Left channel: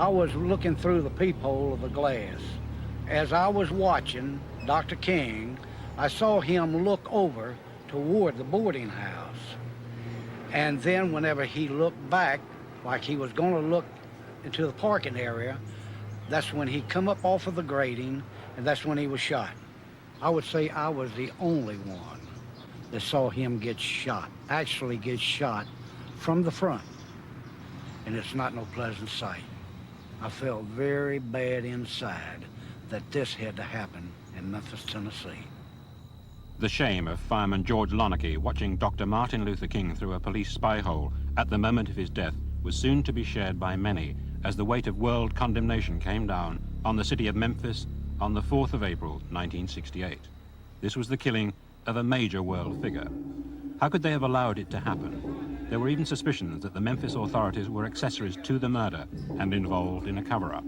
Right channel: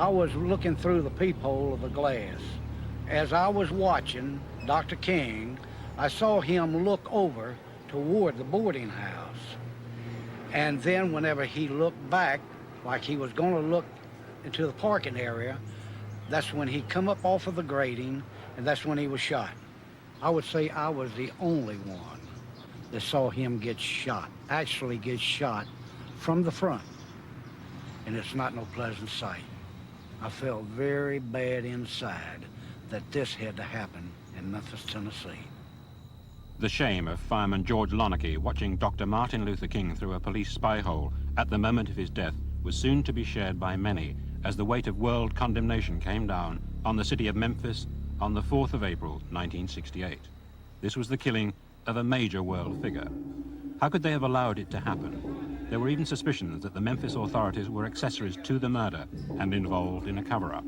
I was looking through the peephole of the glass. As I was watching Dr. King, I saw him look over toward the boarding house. And then whenever he looked back, like he was going to look into the parking area, that's when he come up off of the grating, and that's when he was shot. I would say I was the only one that saw him get shot, actually get shot from the front. And it's not no pleasant sight. I felt very bad inside that this had to happen in Memphis, Tennessee. The shame of fireman George Lonarchy watching Dr. Martin Luther King through a police spy hole at the moment of his death was soon to be shared by many as the weight of world condemnation came down on the city of Memphis on the 4th of April, 1968. This was the killing of a major world figure. How could they have allowed it to happen? There were even suspicions that the Memphis authorities were accessories to the murder and involved in a cover-up.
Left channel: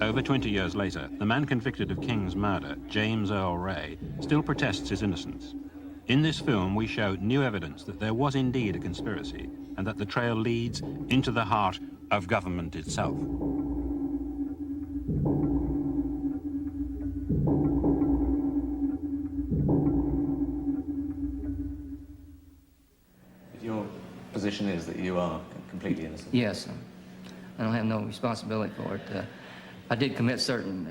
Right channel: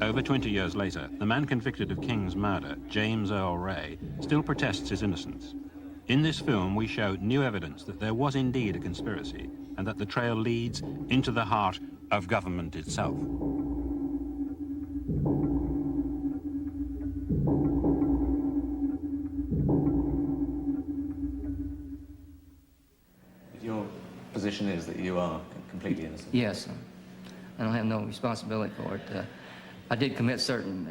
Over 20 years later, the man convicted of King's murder, James Earl Ray, still protests his innocence. In this film, we show new evidence that there was indeed a conspiracy and that the trail leads into the heart of government itself. Your position is that you are completely innocent? Yes. I don't have no responsibility for it. I did commit certain,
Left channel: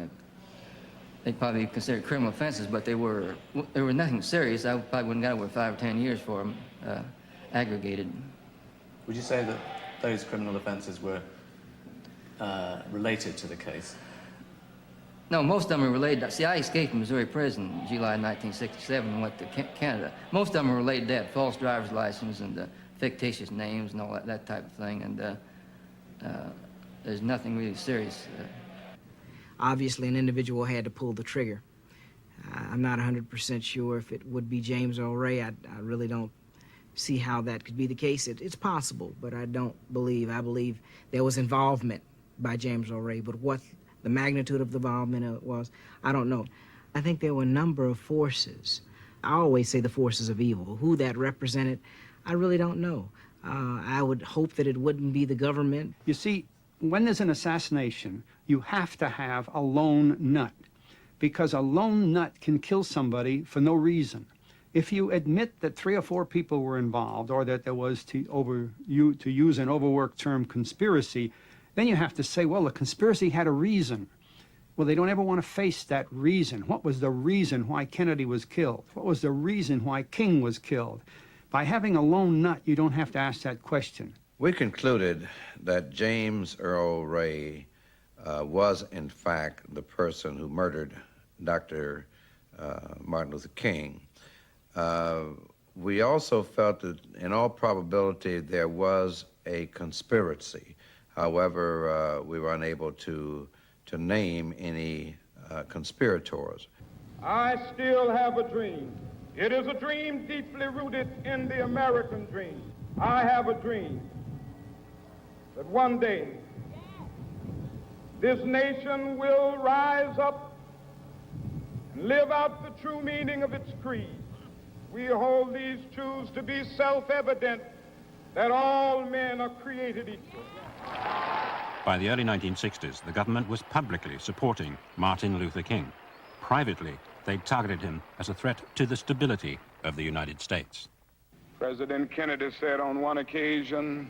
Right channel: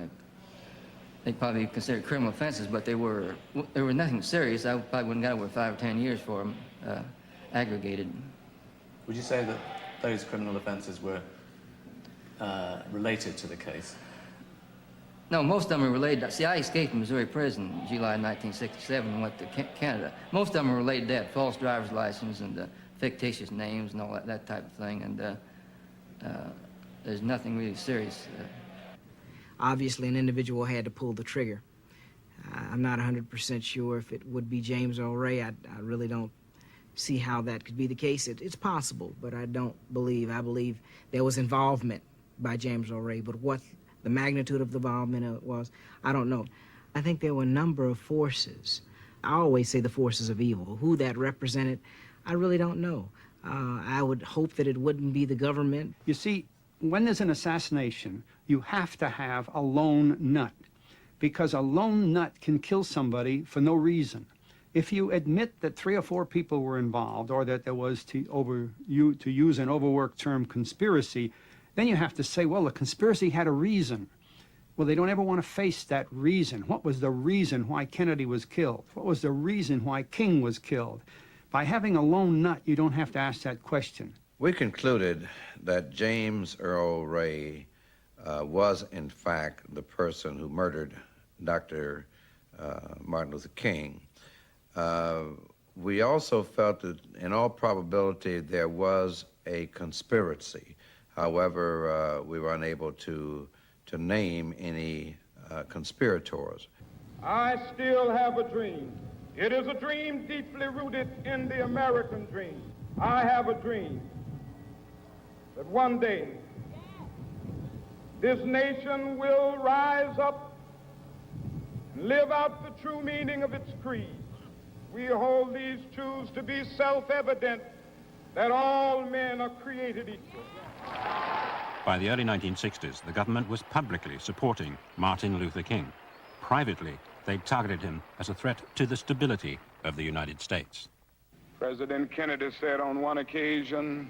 they probably considered criminal offenses, but they were nothing serious. I probably wouldn't got over 5 or 10 years for them, aggregated. Would you say that those criminal offenses were related to the case? No, most of them are related. See, I escaped from Missouri prison in July 1967 and went to Canada. Most of them are related to that, false driver's license and fictitious names and all that type of thing, and there's nothing really serious. Obviously, an individual had to pull the trigger. I'm not 100% sure if it would be James Earl Ray. I really don't see how that could be the case. It's possible, but I don't believe. I believe there was involvement by James Earl Ray, but what the magnitude of the involvement was, I don't know. I think there were a number of forces. I always say the forces of evil. Who that represented, I really don't know. I would hope that it wouldn't be the government. You see, when there's an assassination, you have to have a lone nut, because a lone nut can kill somebody for no reason. If you admit that 3 or 4 people were involved, or that there was, to use an overworked term, conspiracy, then you have to say, well, the conspiracy had a reason. Well, they don't ever want to face that reason. What was the reason why Kennedy was killed? What was the reason why King was killed? By having a lone nut, you don't have to ask that question. We concluded that James Earl Ray was, in fact, the person who murdered Dr. Martin Luther King. We also felt that, in all probability, there was a conspiracy. However, we were unable to name any conspirators. I still have a dream. It is a dream deeply rooted in the American dream. I have a dream that one day this nation will rise up and live out the true meaning of its creed. We hold these truths to be self-evident, that all men are created equal. By the early 1960s, the government was publicly supporting Martin Luther King. Privately, they targeted him as a threat to the stability of the United States. President Kennedy said on one occasion,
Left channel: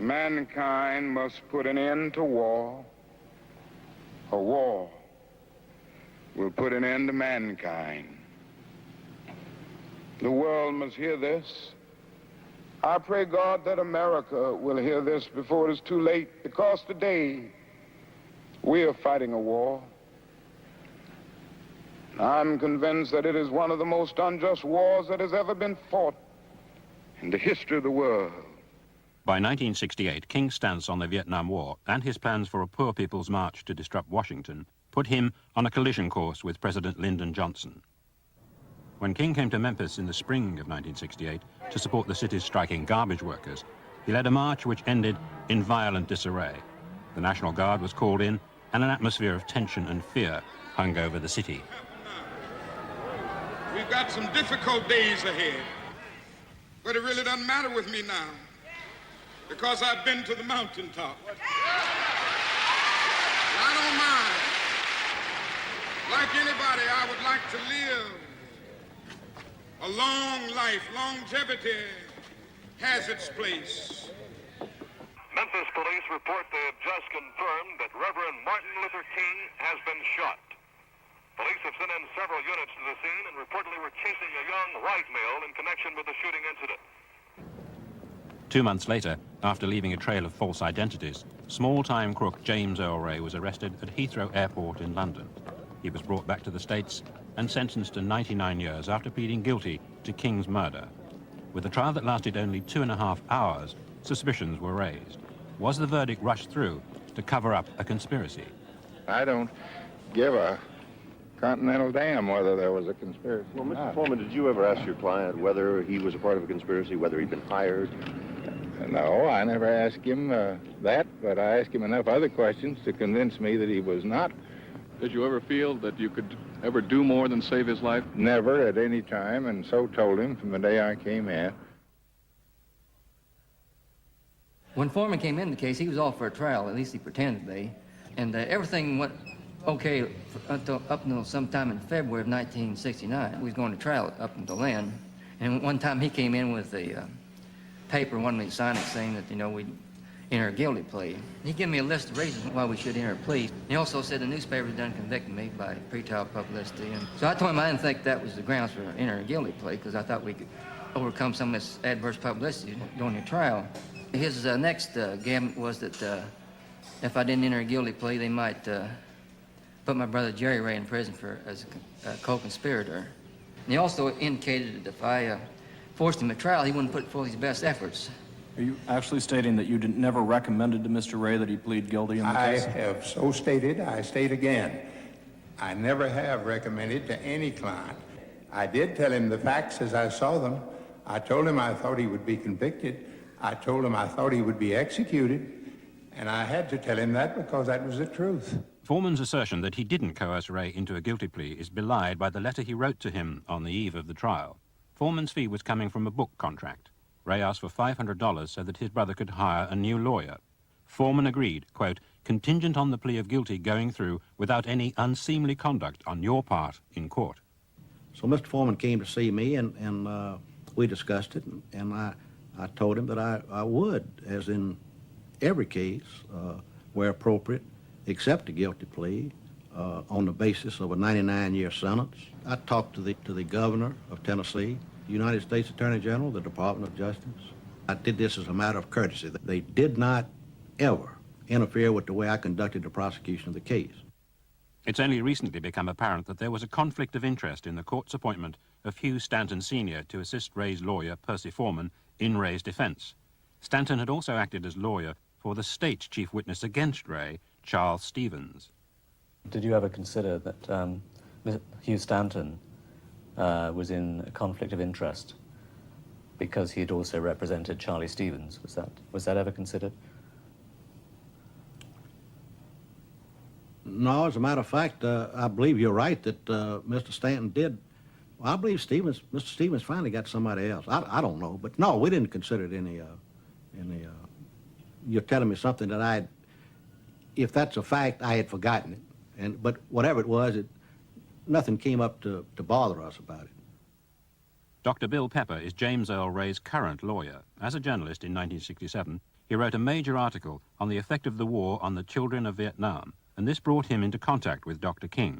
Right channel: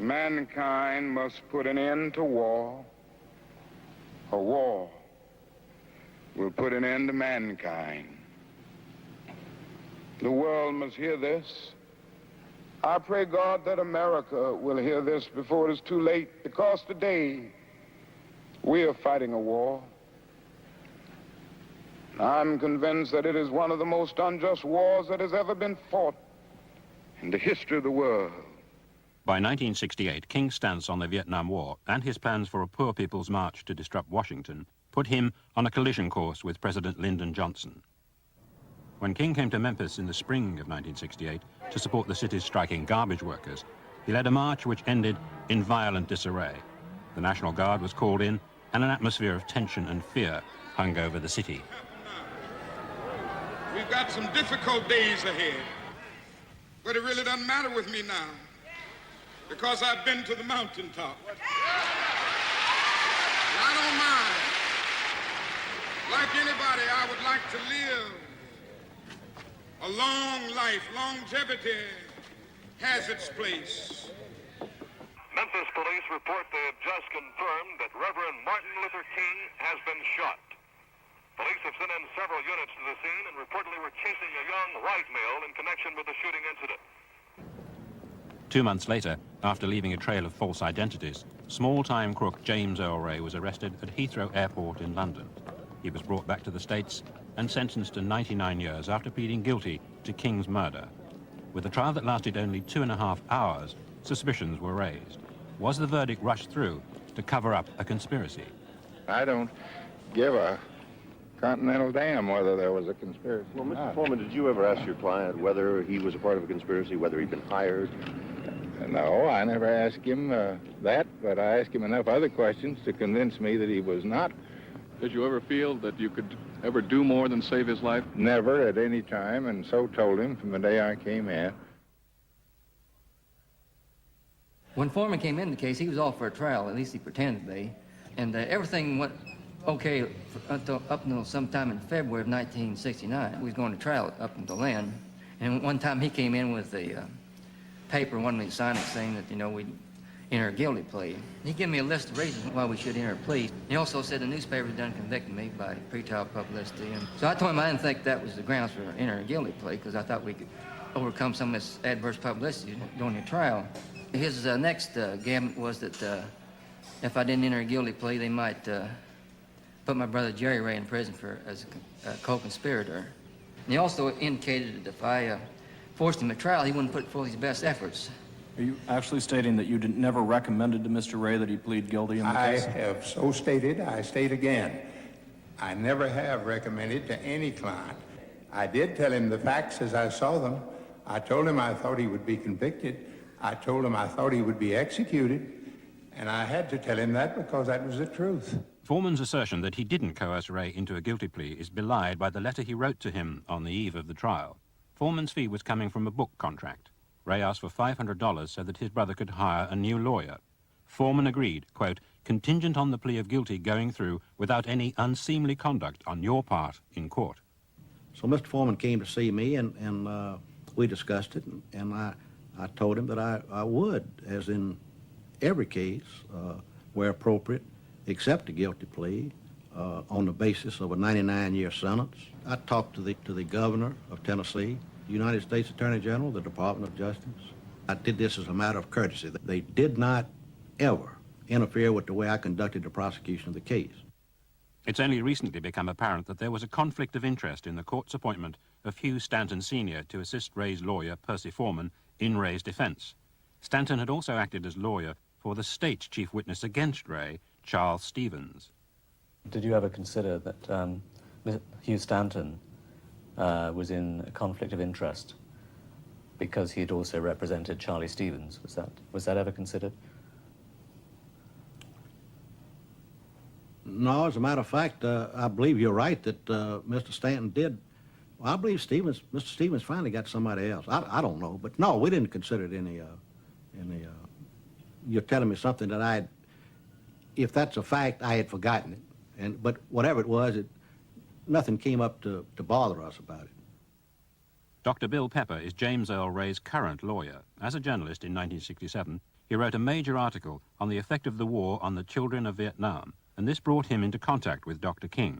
mankind must put an end to war, or war will put an end to mankind. The world must hear this. I pray God that America will hear this before it is too late, because today we are fighting a war. I'm convinced that it is one of the most unjust wars that has ever been fought in the history of the world. By 1968, King's stance on the Vietnam War and his plans for a Poor People's March to disrupt Washington put him on a collision course with President Lyndon Johnson. When King came to Memphis in the spring of 1968 to support the city's striking garbage workers, he led a march which ended in violent disarray. The National Guard was called in, and an atmosphere of tension and fear hung over the city. We've got some difficult days ahead, but it really doesn't matter with me now. because I've been to the mountaintop. I don't mind. Like anybody, I would like to live a long life. Longevity has its place. Memphis police report they have just confirmed that Reverend Martin Luther King has been shot. Police have sent in several units to the scene and reportedly were chasing a young white male in connection with the shooting incident. 2 months later, after leaving a trail of false identities, small-time crook James Earl Ray was arrested at Heathrow Airport in London. He was brought back to the States and sentenced to 99 years after pleading guilty to King's murder. With a trial that lasted only 2.5 hours, suspicions were raised. Was the verdict rushed through to cover up a conspiracy? I don't give a continental damn whether there was a conspiracy. Well, Mr. Foreman, did you ever ask your client whether he was a part of a conspiracy, whether he'd been hired? No, I never asked him that, but I asked him enough other questions to convince me that he was not. Did you ever feel that you could ever do more than save his life? Never at any time, and so told him from the day I came in. When Foreman came in the case, he was off for a trial, at least he pretended to be, and everything went okay up until sometime in February of 1969. We was going to trial up until then, and one time he came in with a paper, wanted me to sign it, saying that, we'd enter a guilty plea. He gave me a list of reasons why we should enter a plea. He also said the newspapers done convicted me by pretrial publicity. And so I told him I didn't think that was the grounds for entering a guilty plea, because I thought we could overcome some of this adverse publicity during the trial. His next gamut was that if I didn't enter a guilty plea, they might put my brother Jerry Ray in prison as a co-conspirator. And he also indicated that if I forced him to trial, he wouldn't put forth his best efforts. Are you actually stating that you never recommended to Mr. Ray that he plead guilty in the case? I have so stated, I state again. I never have recommended to any client. I did tell him the facts as I saw them. I told him I thought he would be convicted. I told him I thought he would be executed. And I had to tell him that because that was the truth. Foreman's assertion that he didn't coerce Ray into a guilty plea is belied by the letter he wrote to him on the eve of the trial. Foreman's fee was coming from a book contract. Ray asked for $500 so that his brother could hire a new lawyer. Foreman agreed, quote, contingent on the plea of guilty going through without any unseemly conduct on your part in court. So Mr. Foreman came to see me, and we discussed it, and I told him that I would, as in every case, where appropriate, accept a guilty plea on the basis of a 99-year sentence. I talked to the governor of Tennessee, United States Attorney General, the Department of Justice. I did this as a matter of courtesy. They did not ever interfere with the way I conducted the prosecution of the case. It's only recently become apparent that there was a conflict of interest in the court's appointment of Hugh Stanton Sr. to assist Ray's lawyer, Percy Foreman, in Ray's defense. Stanton had also acted as lawyer for the state's chief witness against Ray, Charles Stevens. Did you ever consider that Hugh Stanton was in a conflict of interest because he had also represented Charlie Stevens? Was that ever considered? No, as a matter of fact, I believe you're right that Mr. Stanton did. Well, I believe Mr. Stevens finally got somebody else. I don't know, but no, we didn't consider it any. You're telling me something that if that's a fact, I had forgotten it. But whatever it was, nothing came up to bother us about it. Dr. Bill Pepper is James Earl Ray's current lawyer. As a journalist in 1967, he wrote a major article on the effect of the war on the children of Vietnam, and this brought him into contact with Dr. King.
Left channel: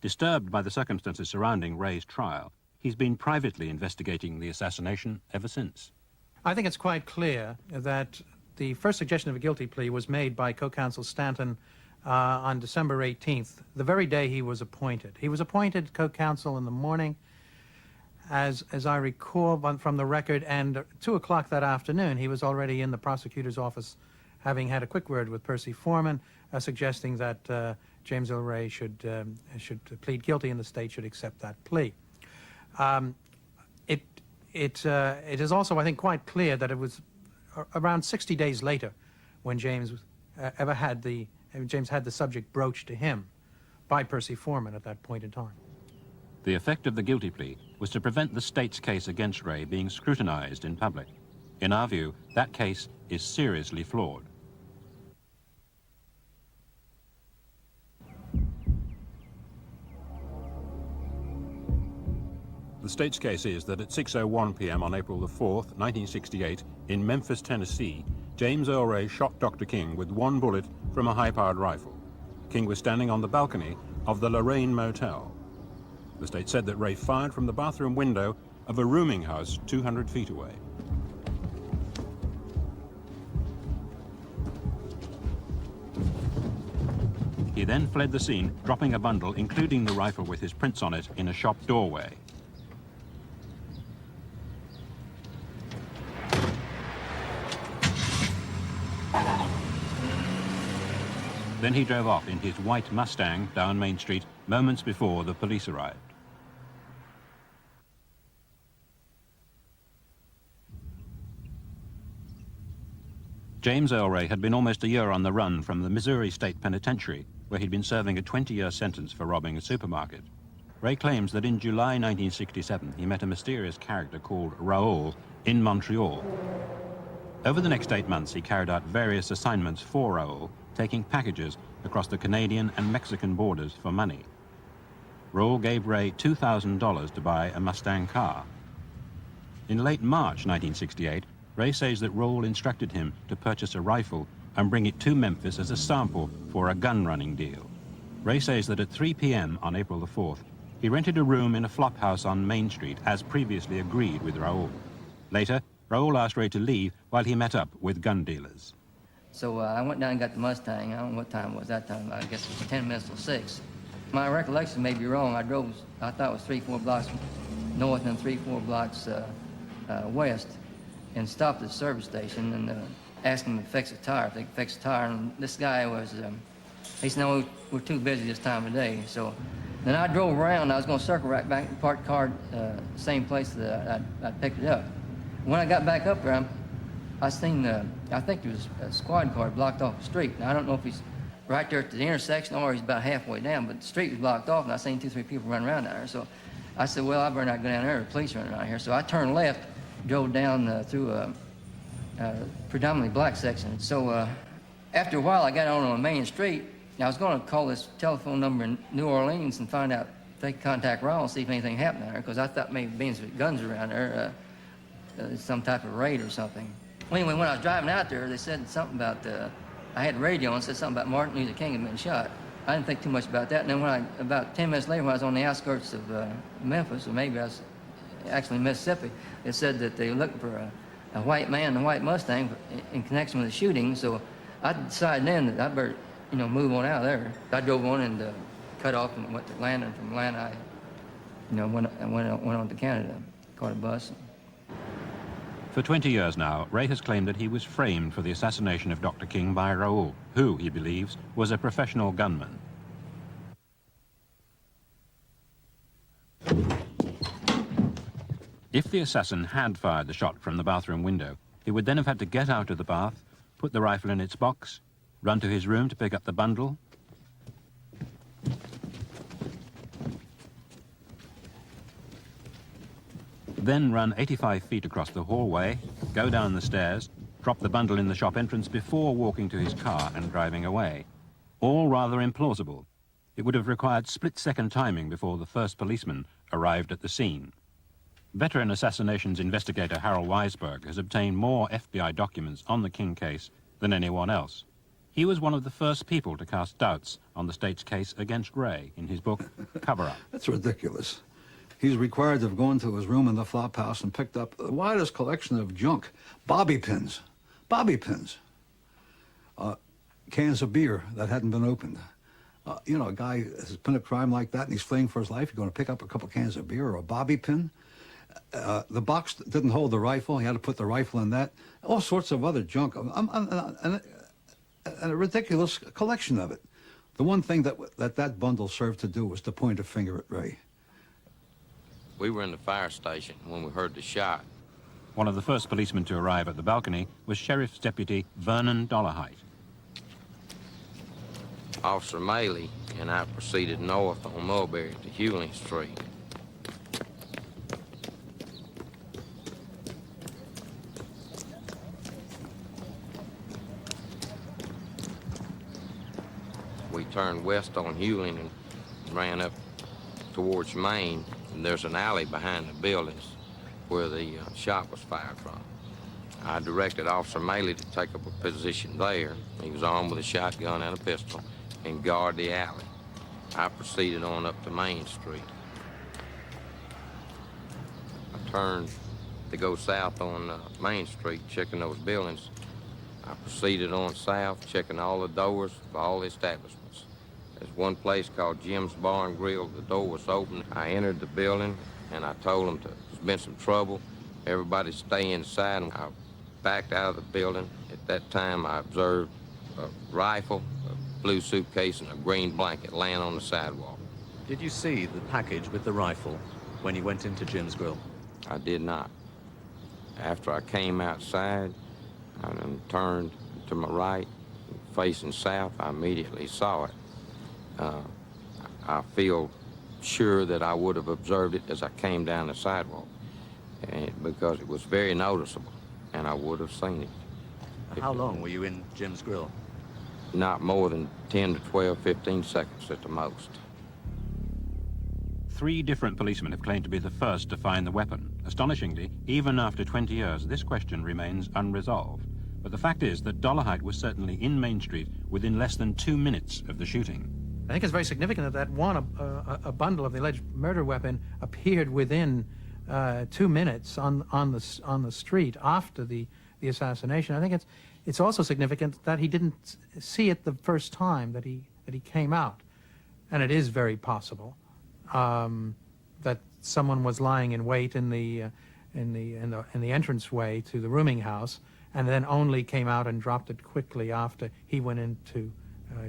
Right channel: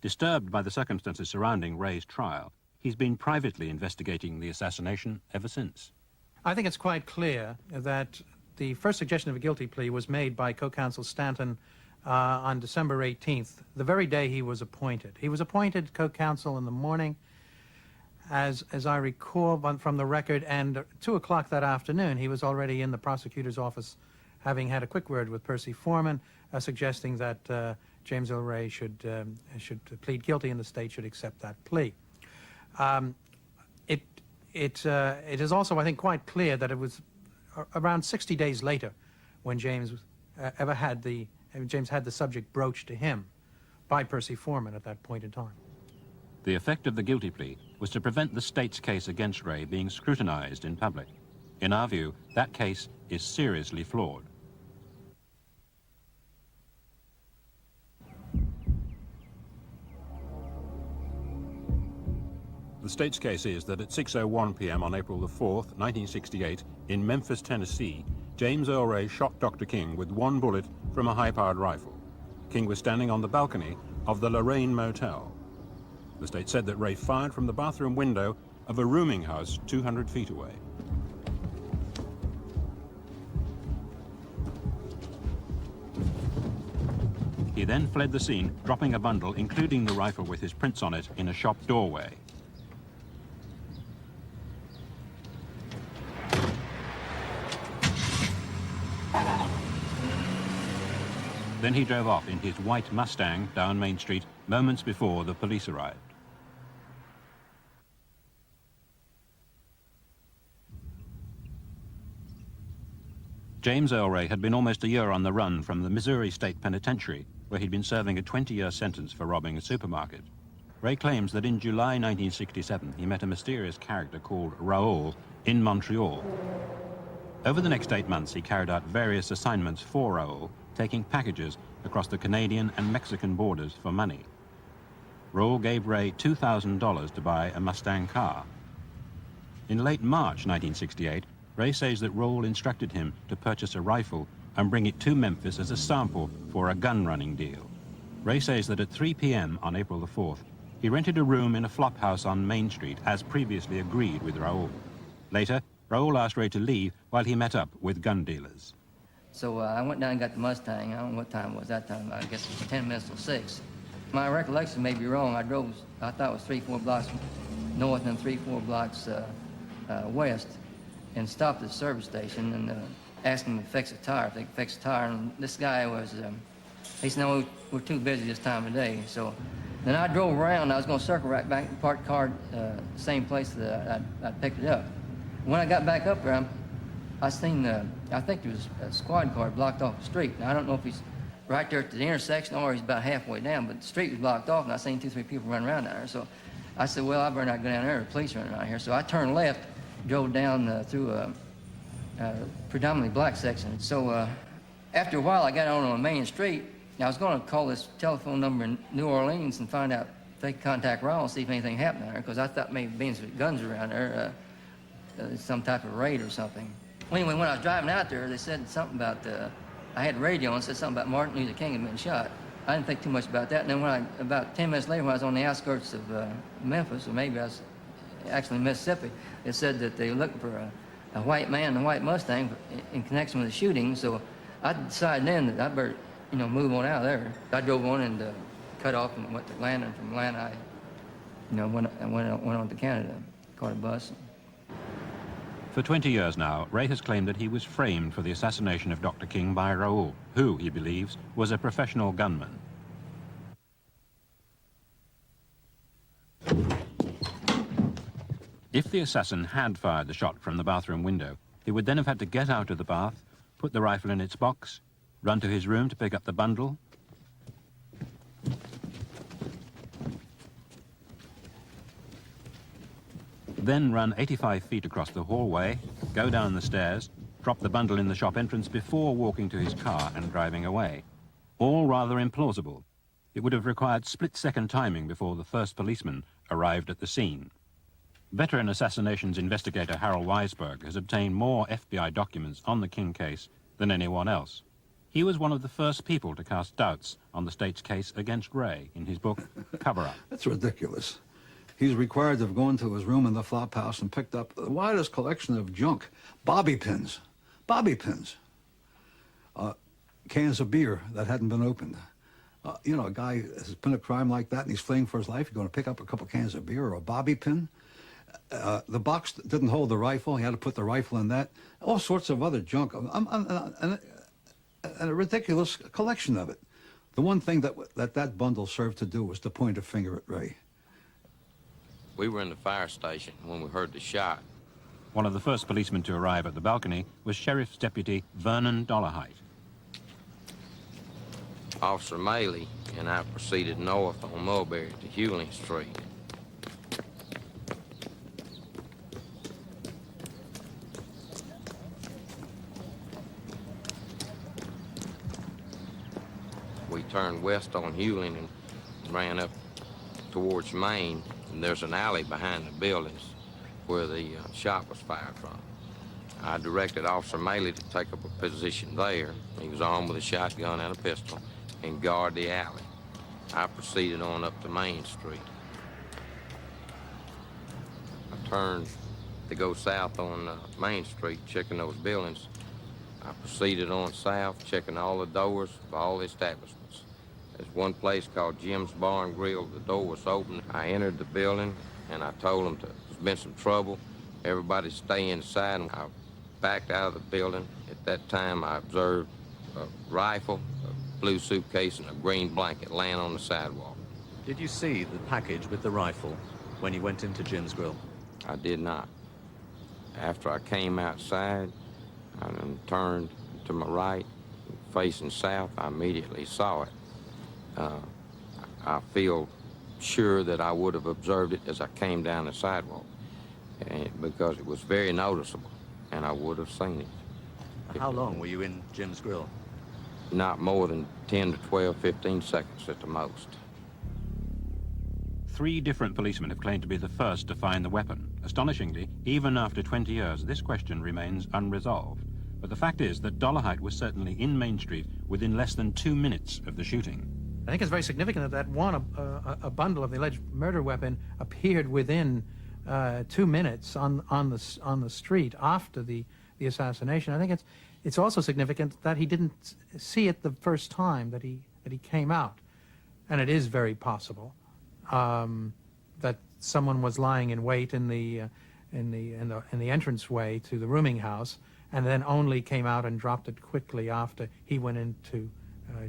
Disturbed by the circumstances surrounding Ray's trial, he's been privately investigating the assassination ever since. I think it's quite clear that the first suggestion of a guilty plea was made by co-counsel Stanton on December 18th, the very day he was appointed. He was appointed co-counsel in the morning, as I recall from the record, and 2 o'clock that afternoon he was already in the prosecutor's office, having had a quick word with Percy Foreman, suggesting that James Earl Ray should plead guilty and the state should accept that plea. It is also, I think, quite clear that it was around 60 days later when James had the subject broached to him by Percy Foreman at that point in time. The effect of the guilty plea was to prevent the state's case against Ray being scrutinized in public. In our view, that case is seriously flawed. The state's case is that at 6:01 p.m. on April the 4th, 1968, in Memphis, Tennessee, James Earl Ray shot Dr. King with one bullet from a high-powered rifle. King was standing on the balcony of the Lorraine Motel. The state said that Ray fired from the bathroom window of a rooming house 200 feet away. He then fled the scene, dropping a bundle, including the rifle with his prints on it, in a shop doorway. Then he drove off in his white Mustang down Main Street moments before the police arrived. James Earl Ray had been almost a year on the run from the Missouri State Penitentiary, where he'd been serving a 20-year sentence for robbing a supermarket. Ray claims that in July 1967 he met a mysterious character called Raoul in Montreal. Over the next 8 months he carried out various assignments for Raoul, taking packages across the Canadian and Mexican borders for money. Raoul gave Ray $2,000 to buy a Mustang car. In late March 1968, Ray says that Raoul instructed him to purchase a rifle and bring it to Memphis as a sample for a gun-running deal. Ray says that at 3 p.m. on April the 4th, he rented a room in a flop house on Main Street, as previously agreed with Raoul. Later, Raoul asked Ray to leave while he met up with gun dealers. So I went down and got the Mustang. I don't know what time it was that time. I guess it was 10 minutes till 6. My recollection may be wrong. I thought it was 3-4 blocks north and 3-4 blocks west, and stopped at the service station and asked him to fix a tire, if they could fix a tire. And this guy was, he said, no, we're too busy this time of day. So then I drove around. I was going to circle right back and park the car same place that I picked it up. When I got back up there, I seen, I think there was a squad car blocked off the street. Now, I don't know if he's right there at the intersection or he's about halfway down, but the street was blocked off, and I seen 2-3 people running around down there. So I said, well, I better not go down there. The police are running around here. So I turned left, drove down through a predominantly black section. So after a while, I got on a main street. I was going to call this telephone number in New Orleans and find out if they could contact Raoul and see if anything happened there, because I thought maybe being with guns around there, some type of raid or something. Well, anyway, when I was driving out there, they said something about, I had radio and said something about Martin Luther King had been shot. I didn't think too much about that. And then about 10 minutes later, when I was on the outskirts of Memphis, or maybe I was actually in Mississippi, they said that they were looking for a white man in a white Mustang in connection with the shooting. So I decided then that I better, move on out of there. I drove on and cut off and went to Atlanta. And from Atlanta, I, went on to Canada, caught a bus. For 20 years now, Ray has claimed that he was framed for the assassination of Dr. King by Raoul, who, he believes, was a professional gunman. If the assassin had fired the shot from the bathroom window, he would then have had to get out of the bath, put the rifle in its box, run to his room to pick up the bundle, then run 85 feet across the hallway, go down the stairs, drop the bundle in the shop entrance before walking to his car and driving away. All rather implausible. It would have required split-second timing before the first policeman arrived at the scene. Veteran assassinations investigator Harold Weisberg has obtained more FBI documents on the King case than anyone else. He was one of the first people to cast doubts on the state's case against Ray in his book, Cover Up. That's ridiculous. He's required to have gone to his room in the flop house and picked up the widest collection of junk, bobby pins, cans of beer that hadn't been opened. A guy has been a crime like that and he's fleeing for his life. You're going to pick up a couple cans of beer or a bobby pin. The box didn't hold the rifle. He had to put the rifle in that. All sorts of other junk. And a ridiculous collection of it. The one thing that bundle served to do was to point a finger at Ray. We were in the fire station when we heard the shot. One of the first policemen to arrive at the balcony was Sheriff's Deputy Vernon Dollarhite. Officer Maley and I proceeded north on Mulberry to Hewling Street. turned west on Hewling and ran up towards Maine, and there's an alley behind the buildings where the shot was fired from. I directed Officer Maley to take up a position there. He was armed with a shotgun and a pistol and guard the alley. I proceeded on up to Main Street. I turned to go south on Main Street, checking those buildings. I proceeded on south, checking all the doors of all the establishments. There's one place called Jim's Bar and Grill. The door was open. I entered the building, and I told them there's been some trouble. Everybody stay inside. And I backed out of the building. At that time, I observed a rifle, a blue suitcase, and a green blanket laying on the sidewalk. Did you see the package with the rifle when you went into Jim's Grill? I did not. After I came outside, I then turned to my right, facing south. I immediately saw it. I feel sure that I would have observed it as I came down the sidewalk, because it was very noticeable, and I would have seen it. How long were you in Jim's Grill? Not more than 10 to 12, 15 seconds at the most. 3 different policemen have claimed to be the first to find the weapon. Astonishingly, even after 20 years, this question remains unresolved. But the fact is that Dolarhyde was certainly in Main Street within less than 2 minutes of the shooting. I think it's very significant that a bundle of the alleged murder weapon appeared within 2 minutes on the street after the assassination. I think it's also significant that he didn't see it the first time that he came out, and it is very possible that someone was lying in wait in the entranceway to the rooming house, and then only came out and dropped it quickly after he went into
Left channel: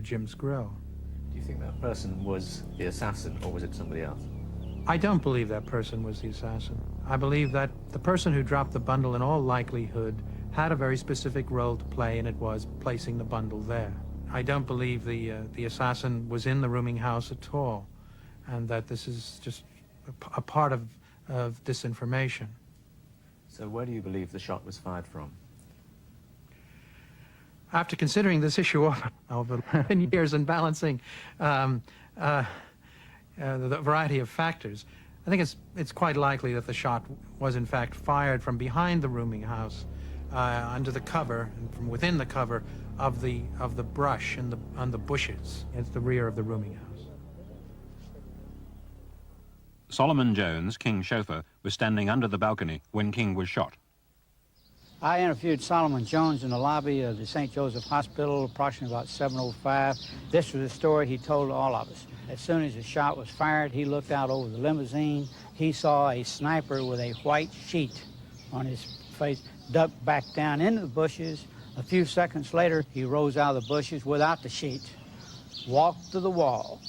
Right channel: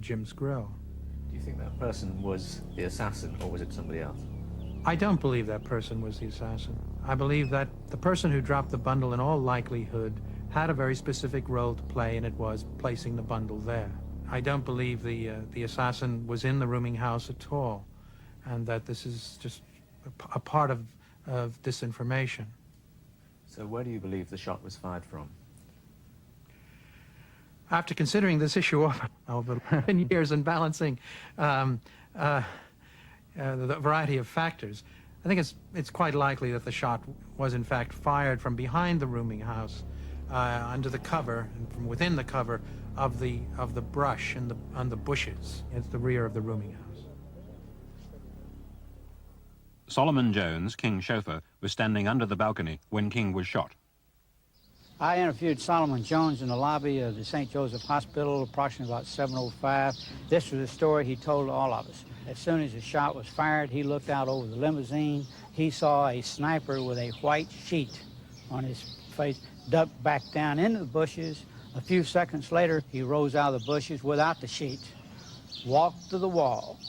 Jim's Grill. Do you think that person was the assassin, or was it somebody else? I don't believe that person was the assassin. I believe that the person who dropped the bundle in all likelihood had a very specific role to play, and it was placing the bundle there. I don't believe the assassin was in the rooming house at all, and that this is just a part of this information. So where do you believe the shot was fired from? After considering this issue over years and balancing the variety of factors, I think it's quite likely that the shot was in fact fired from behind the rooming house, under the cover, from within the cover of the brush and the bushes at the rear of the rooming house. Solomon Jones, King's chauffeur, was standing under the balcony when King was shot. I interviewed Solomon Jones in the lobby of the St. Joseph Hospital approximately about 7:05. This was the story he told all of us. As soon as the shot was fired, he looked out over the limousine. He saw a sniper with a white sheet on his face duck back down into the bushes. A few seconds later, he rose out of the bushes without the sheet, walked to the wall,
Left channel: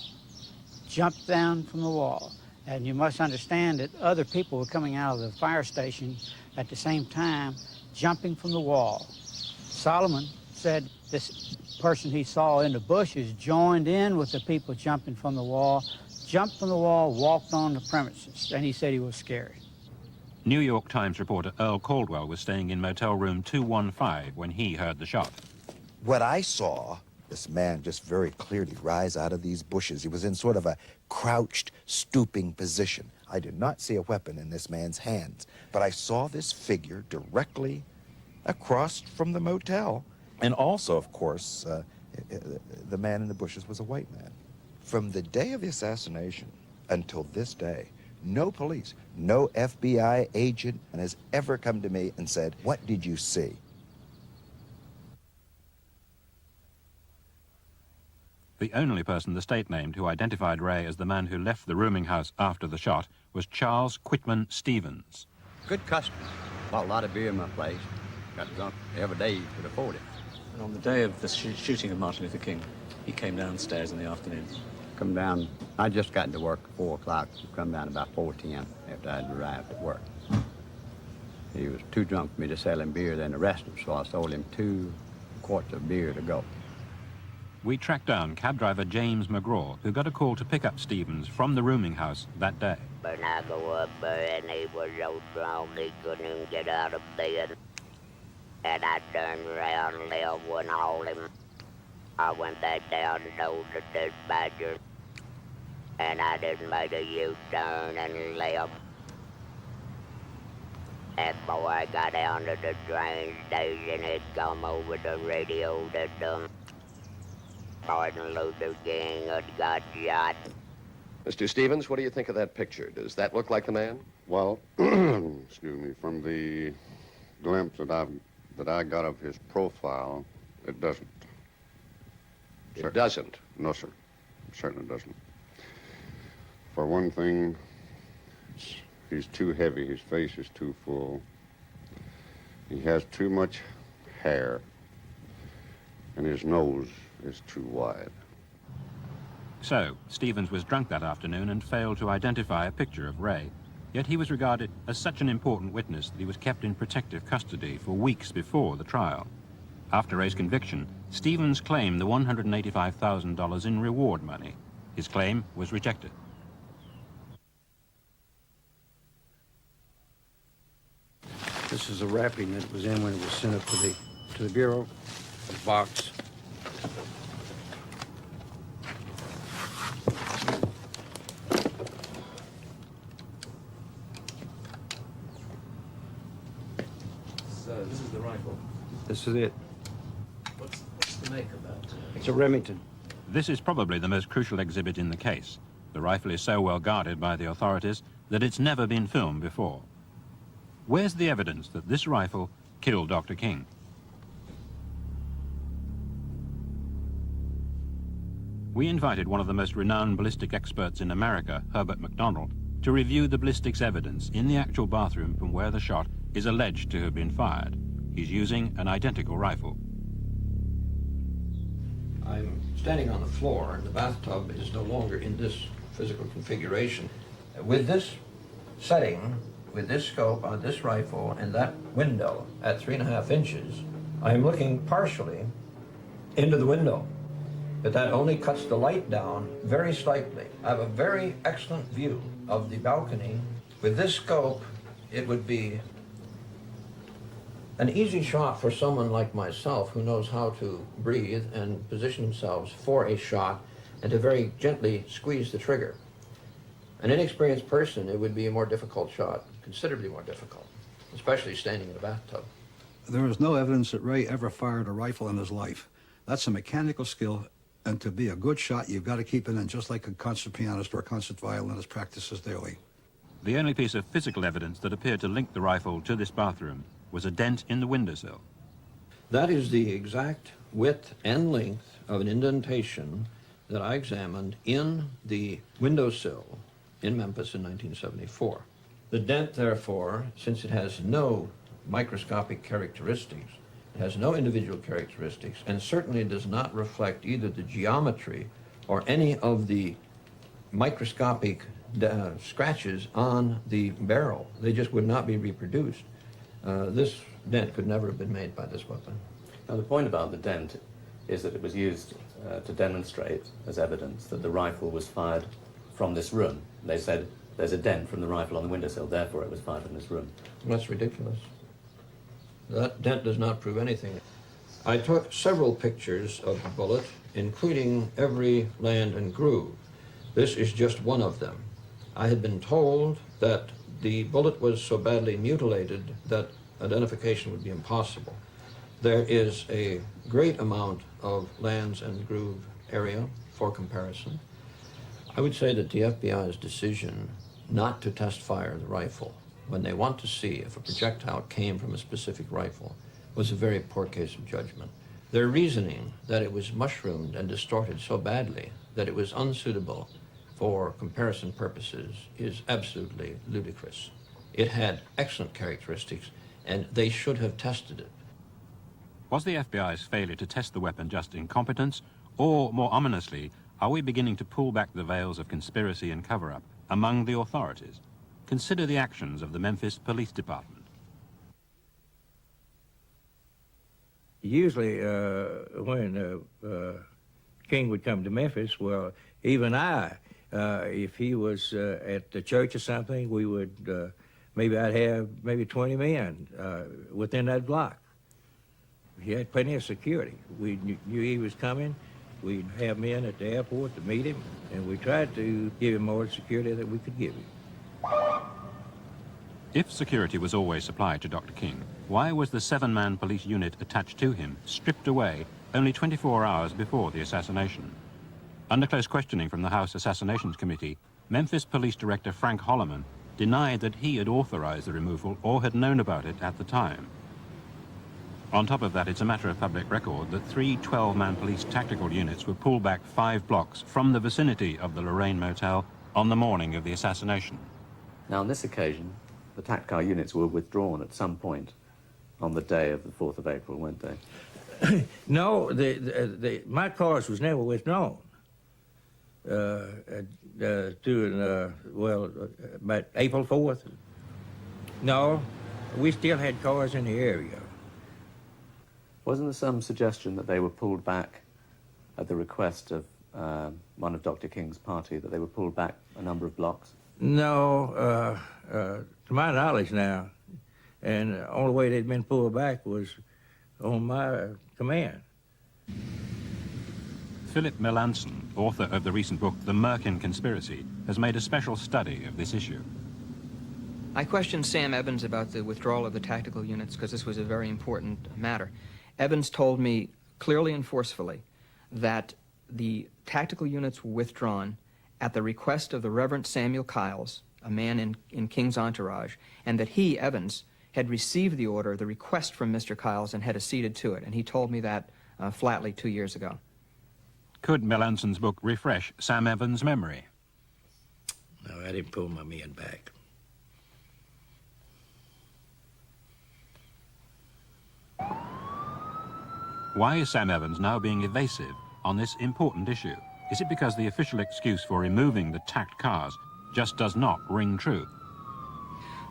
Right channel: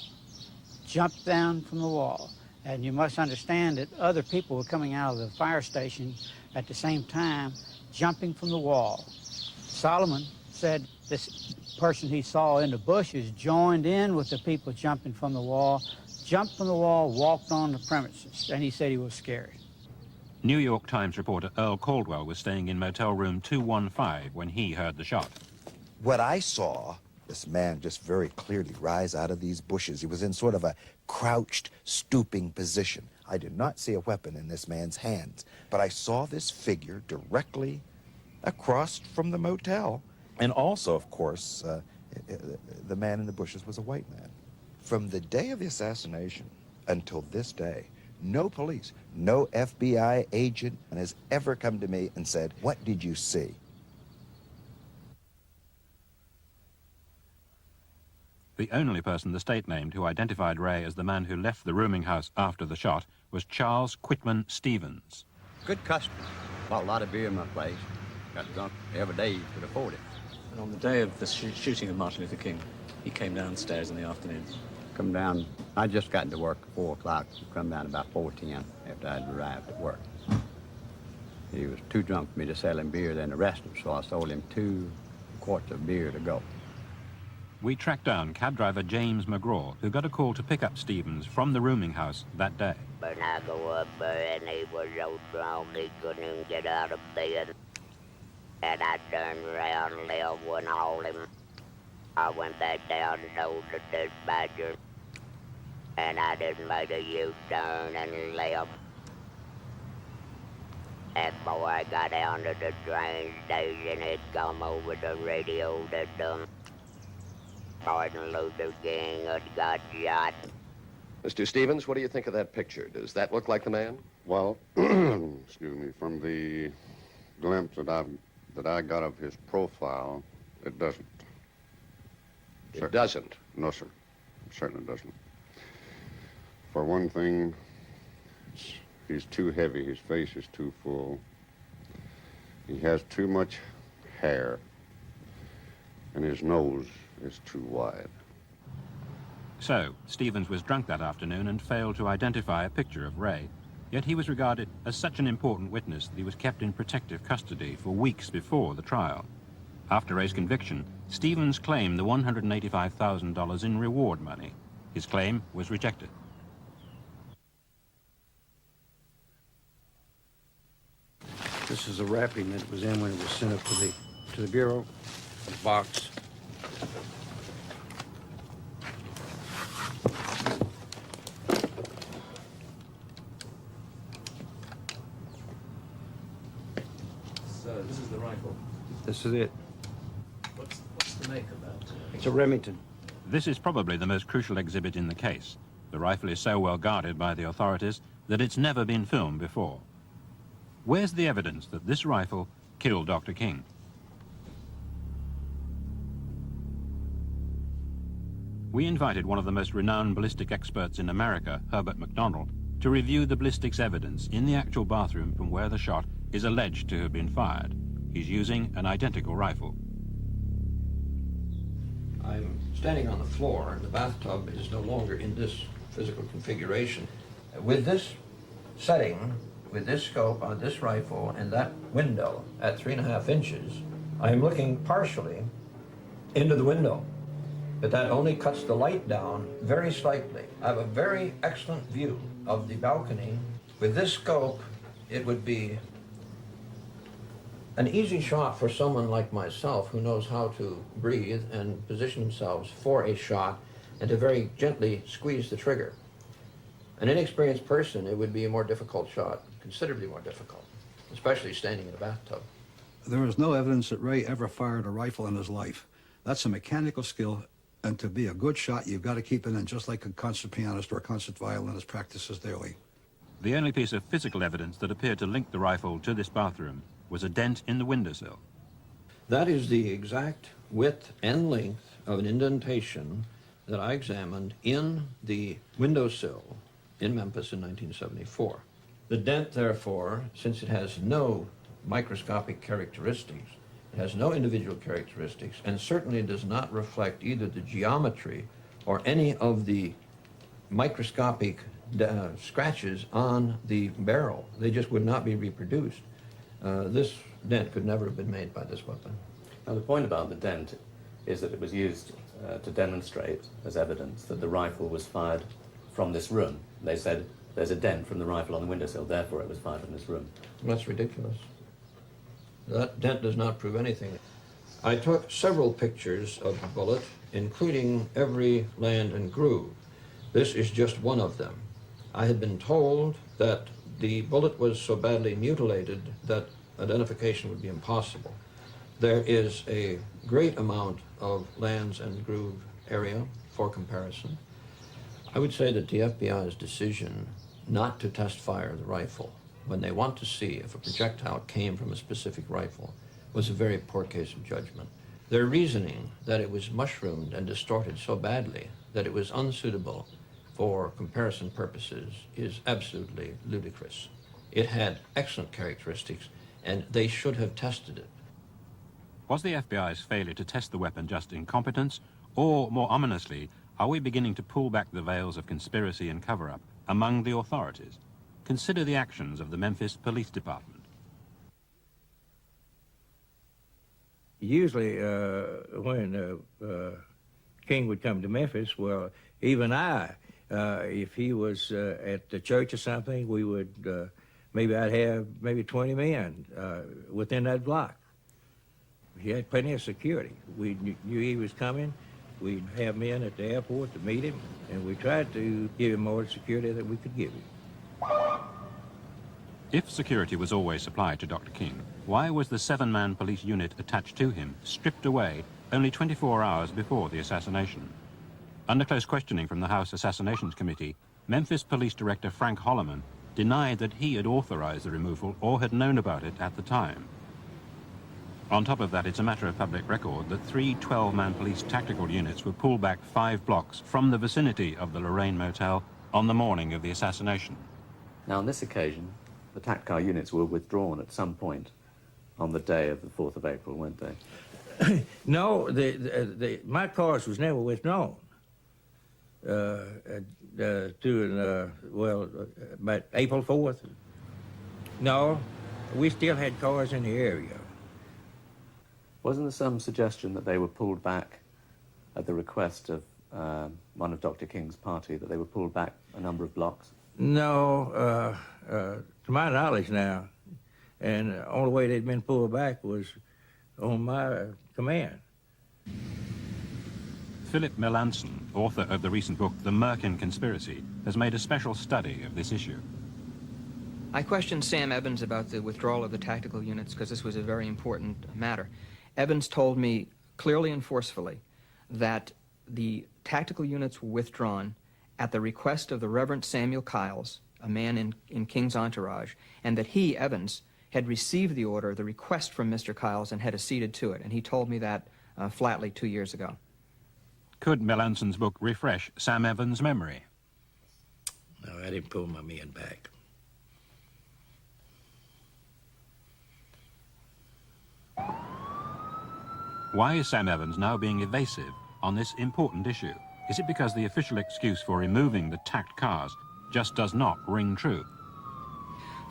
jumped down from the wall. And you must understand that other people were coming out of the fire station at the same time, jumping from the wall. Solomon said this person he saw in the bushes joined in with the people jumping from the wall, jumped from the wall, walked on the premises, and he said he was scared. New York Times reporter Earl Caldwell was staying in motel room 215 when he heard the shot. What I saw, this man just very clearly rise out of these bushes. He was in sort of a crouched, stooping position. I did not see a weapon in this man's hands, but I saw this figure directly across from the motel. And also, of course, the man in the bushes was a white man. From the day of the assassination until this day, no police, no FBI agent has ever come to me and said, "What did you see?" The only person the state named who identified Ray as the man who left the rooming house after the shot was Charles Quitman Stevens. Good customer. Bought a lot of beer in my place. Got drunk every day you could afford it. And on the day of the shooting of Martin Luther King, he came downstairs in the afternoon. Come down, I just got to work at 4 o'clock. Come down about 4:10 after I'd arrived at work. He was too drunk for me to sell him beer, then arrest him, so I sold him 2 quarts of beer to go. We tracked down cab driver James McGraw, who got a call to pick up Stevens from the rooming house that day. When I go up there and he was so strong he couldn't even get out of bed. And I turned around and there went all him. I went back down and told the dispatcher, and I just made a U-turn and left. And before I got down to the train station, it come over the radio that Martin Luther King had got shot. Mr. Stevens, what do you think of that picture? Does that look like the man? Well, excuse me, from the glimpse that I got of his profile, it doesn't. It doesn't? No, sir. It certainly doesn't. For one thing, he's too heavy. His face is too full. He has too much hair. And his nose is too wide. So, Stevens was drunk that afternoon and failed to identify a picture of Ray. Yet he was regarded as such an important witness that he was kept in protective custody for weeks before the trial. After Ray's conviction, Stevens claimed the $185,000 in reward money. His claim was rejected. This is the wrapping that was in when it was sent up to the Bureau, a box. So this is the rifle. This is it. What's the make of that? It's a Remington. This is probably the most crucial exhibit in the case. The rifle is so well guarded by the authorities that it's never been filmed before. Where's the evidence that this rifle killed Dr. King? We invited one of the most renowned ballistic experts in America, Herbert McDonald, to review the ballistics evidence in the actual bathroom from where the shot is alleged to have been fired. He's using an identical rifle. I'm standing on the floor, and the bathtub is no longer in this physical configuration. With this setting, with this scope on this rifle and that window at 3.5 inches, I'm looking partially into the window, but that only cuts the light down very slightly. I have a very excellent view of the balcony. With this scope, it would be an easy shot for someone like myself who knows how to breathe and position themselves for a shot and to very gently squeeze the trigger. An inexperienced person, it would be a more difficult shot, considerably more difficult, especially standing in the bathtub. There is no evidence that Ray ever fired a rifle in his life. That's a mechanical skill, and to be a good shot, you've got to keep it in just like a concert pianist or a concert violinist practices daily. The only piece of physical evidence that appeared to link the rifle to this bathroom was a dent in the windowsill. That is the exact width and length of an indentation that I examined in the windowsill in Memphis in 1974. The dent, therefore, since it has no microscopic characteristics, it has no individual characteristics, and certainly does not reflect either the geometry or any of the microscopic scratches on the barrel. They just would not be reproduced. This dent could never have been made by this weapon. Now the point about the dent is that it was used to demonstrate as evidence that the rifle was fired from this room. They said there's a dent from the rifle on the windowsill, therefore it was fired from this room. That's ridiculous. That dent does not prove anything. I took several pictures of the bullet, including every land and groove. This is just one of them. I had been told that the bullet was so badly mutilated that identification would be impossible. There is a great amount of lands and groove area for comparison. I would say that the FBI's decision not to test fire the rifle when they want to see if a projectile came from a specific rifle was a very poor case of judgment. Their reasoning that it was mushroomed and distorted so badly that it was unsuitable for comparison purposes is absolutely ludicrous. It had excellent characteristics, and they should have tested it. Was the FBI's failure to test the weapon just incompetence, or, more ominously, are we beginning to pull back the veils of conspiracy and cover-up among the authorities? Consider the actions of the Memphis Police Department. Usually, when King would come to Memphis, well, even I, if he was at the church or something, we would, maybe I'd have maybe 20 men within that block. He had plenty of security. We knew he was coming, We'd have men at the airport to meet him, and we tried to give him more security than we could give him. If security was always supplied to Dr. King, why was the 7-man police unit attached to him stripped away only 24 hours before the assassination? Under close questioning from the House Assassinations Committee, Memphis Police Director Frank Holloman denied that he had authorized the removal or had known about it at the time. On top of that, it's a matter of public record that 3 12-man police tactical units were pulled back 5 blocks from the vicinity of the Lorraine Motel on the morning of the assassination. Now, on this occasion, the TACCAR units were withdrawn at some point on the day of the 4th of April, weren't they? No, my cars was never withdrawn. About April 4th. No, we still had cars in the area. Wasn't there some suggestion that they were pulled back at the request of one of Dr. King's party, that they were pulled back a number of blocks? No, to my knowledge now, and the only way they'd been pulled back was on my command. Philip Melanson, author of the recent book The Merkin Conspiracy, has made a special study of this issue. I questioned Sam Evans about the withdrawal of the tactical units because this was a very important matter. Evans told me clearly and forcefully that the tactical units were withdrawn at the request of the Reverend Samuel Kiles, a man in King's entourage, and that he, Evans, had received the order, the request from Mr. Kiles, and had acceded to it. And he told me that flatly 2 years ago. Could Melanson's book refresh Sam Evans' memory? No, I didn't pull my men back. Why is Sam Evans now being evasive on this important issue? Is it because the official excuse for removing the tacked cars just does not ring true?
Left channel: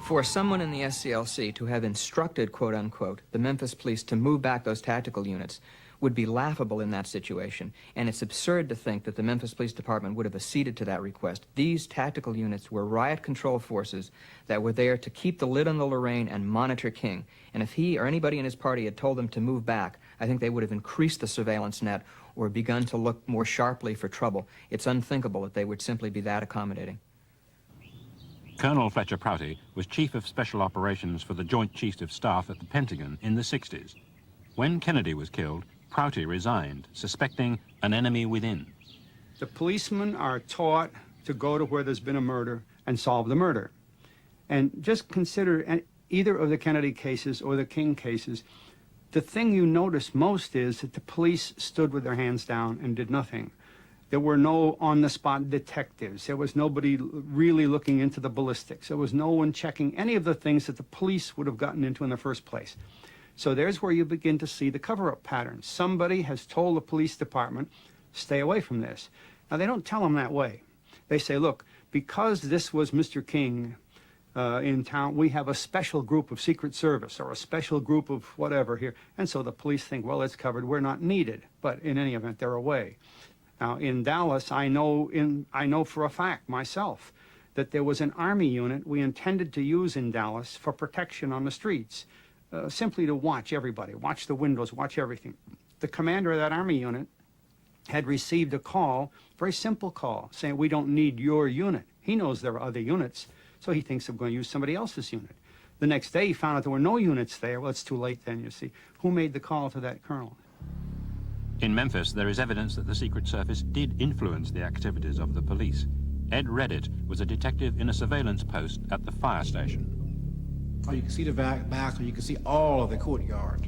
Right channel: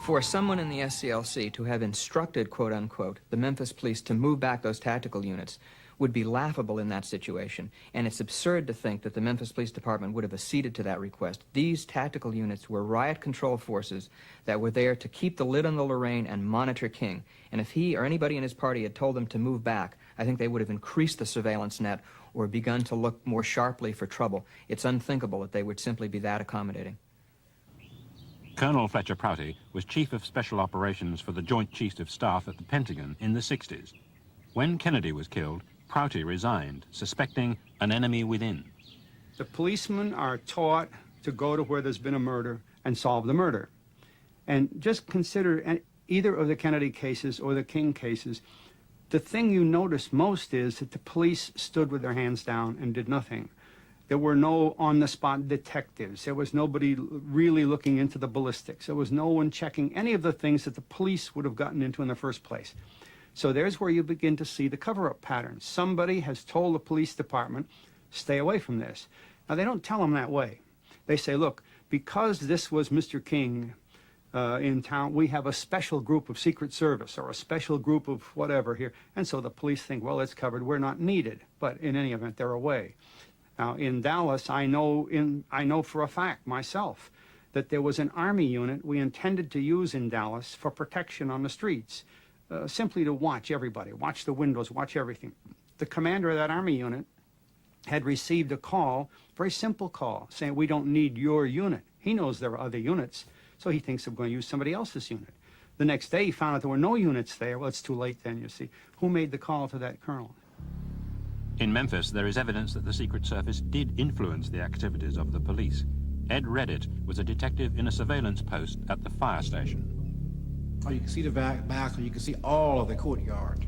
For someone in the SCLC to have instructed, quote unquote, the Memphis police to move back those tactical units would be laughable in that situation, and it's absurd to think that the Memphis Police Department would have acceded to that request. These tactical units were riot control forces that were there to keep the lid on the Lorraine and monitor King, and if he or anybody in his party had told them to move back, I think they would have increased the surveillance net or begun to look more sharply for trouble. It's unthinkable that they would simply be that accommodating. Colonel Fletcher Prouty was Chief of Special Operations for the Joint Chiefs of Staff at the Pentagon in the 60s. When Kennedy was killed, Prouty resigned, suspecting an enemy within. The policemen are taught to go to where there's been a murder and solve the murder. And just consider either of the Kennedy cases or the King cases, the thing you notice most is that the police stood with their hands down and did nothing. There were no on-the-spot detectives. There was nobody really looking into the ballistics. There was no one checking any of the things that the police would have gotten into in the first place. So there's where you begin to see the cover-up patterns. Somebody has told the police department, stay away from this. Now, they don't tell them that way. They say, look, because this was Mr. King in town, we have a special group of Secret Service or a special group of whatever here. And so the police think, well, it's covered. We're not needed. But in any event, they're away. Now, in Dallas, I know for a fact myself that there was an Army unit we intended to use in Dallas for protection on the streets. Simply to watch everybody, watch the windows, watch everything. The commander of that Army unit had received a call, very simple call, saying we don't need your unit. He knows there are other units, so he thinks they're going to use somebody else's unit. The next day he found out there were no units there. Well, it's too late then, you see. Who made the call to that colonel? In Memphis, there is evidence that the Secret Service did influence the activities of the police. Ed Reddit was a detective in a surveillance post at the fire station. Oh, you can see the back, and you can see all of the courtyard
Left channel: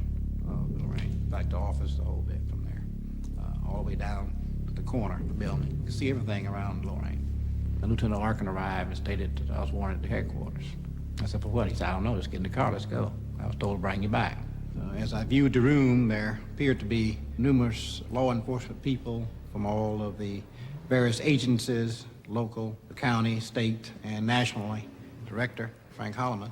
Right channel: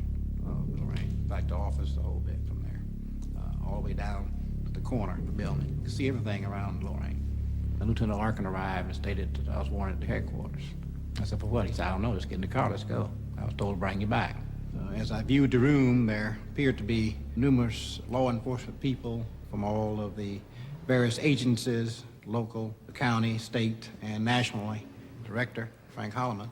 of the Lorraine, back to office, the whole bit from there, all the way down to the corner of the building. You can see everything around Lorraine. Then Lieutenant Larkin arrived and stated that I was wanted at headquarters. I said, for what? He said, I don't know, just get in the car, let's go. I was told to bring you back. As I viewed the room, there appeared to be numerous law enforcement people from all of the various agencies, local, the county, state, and nationally. Director Frank Holloman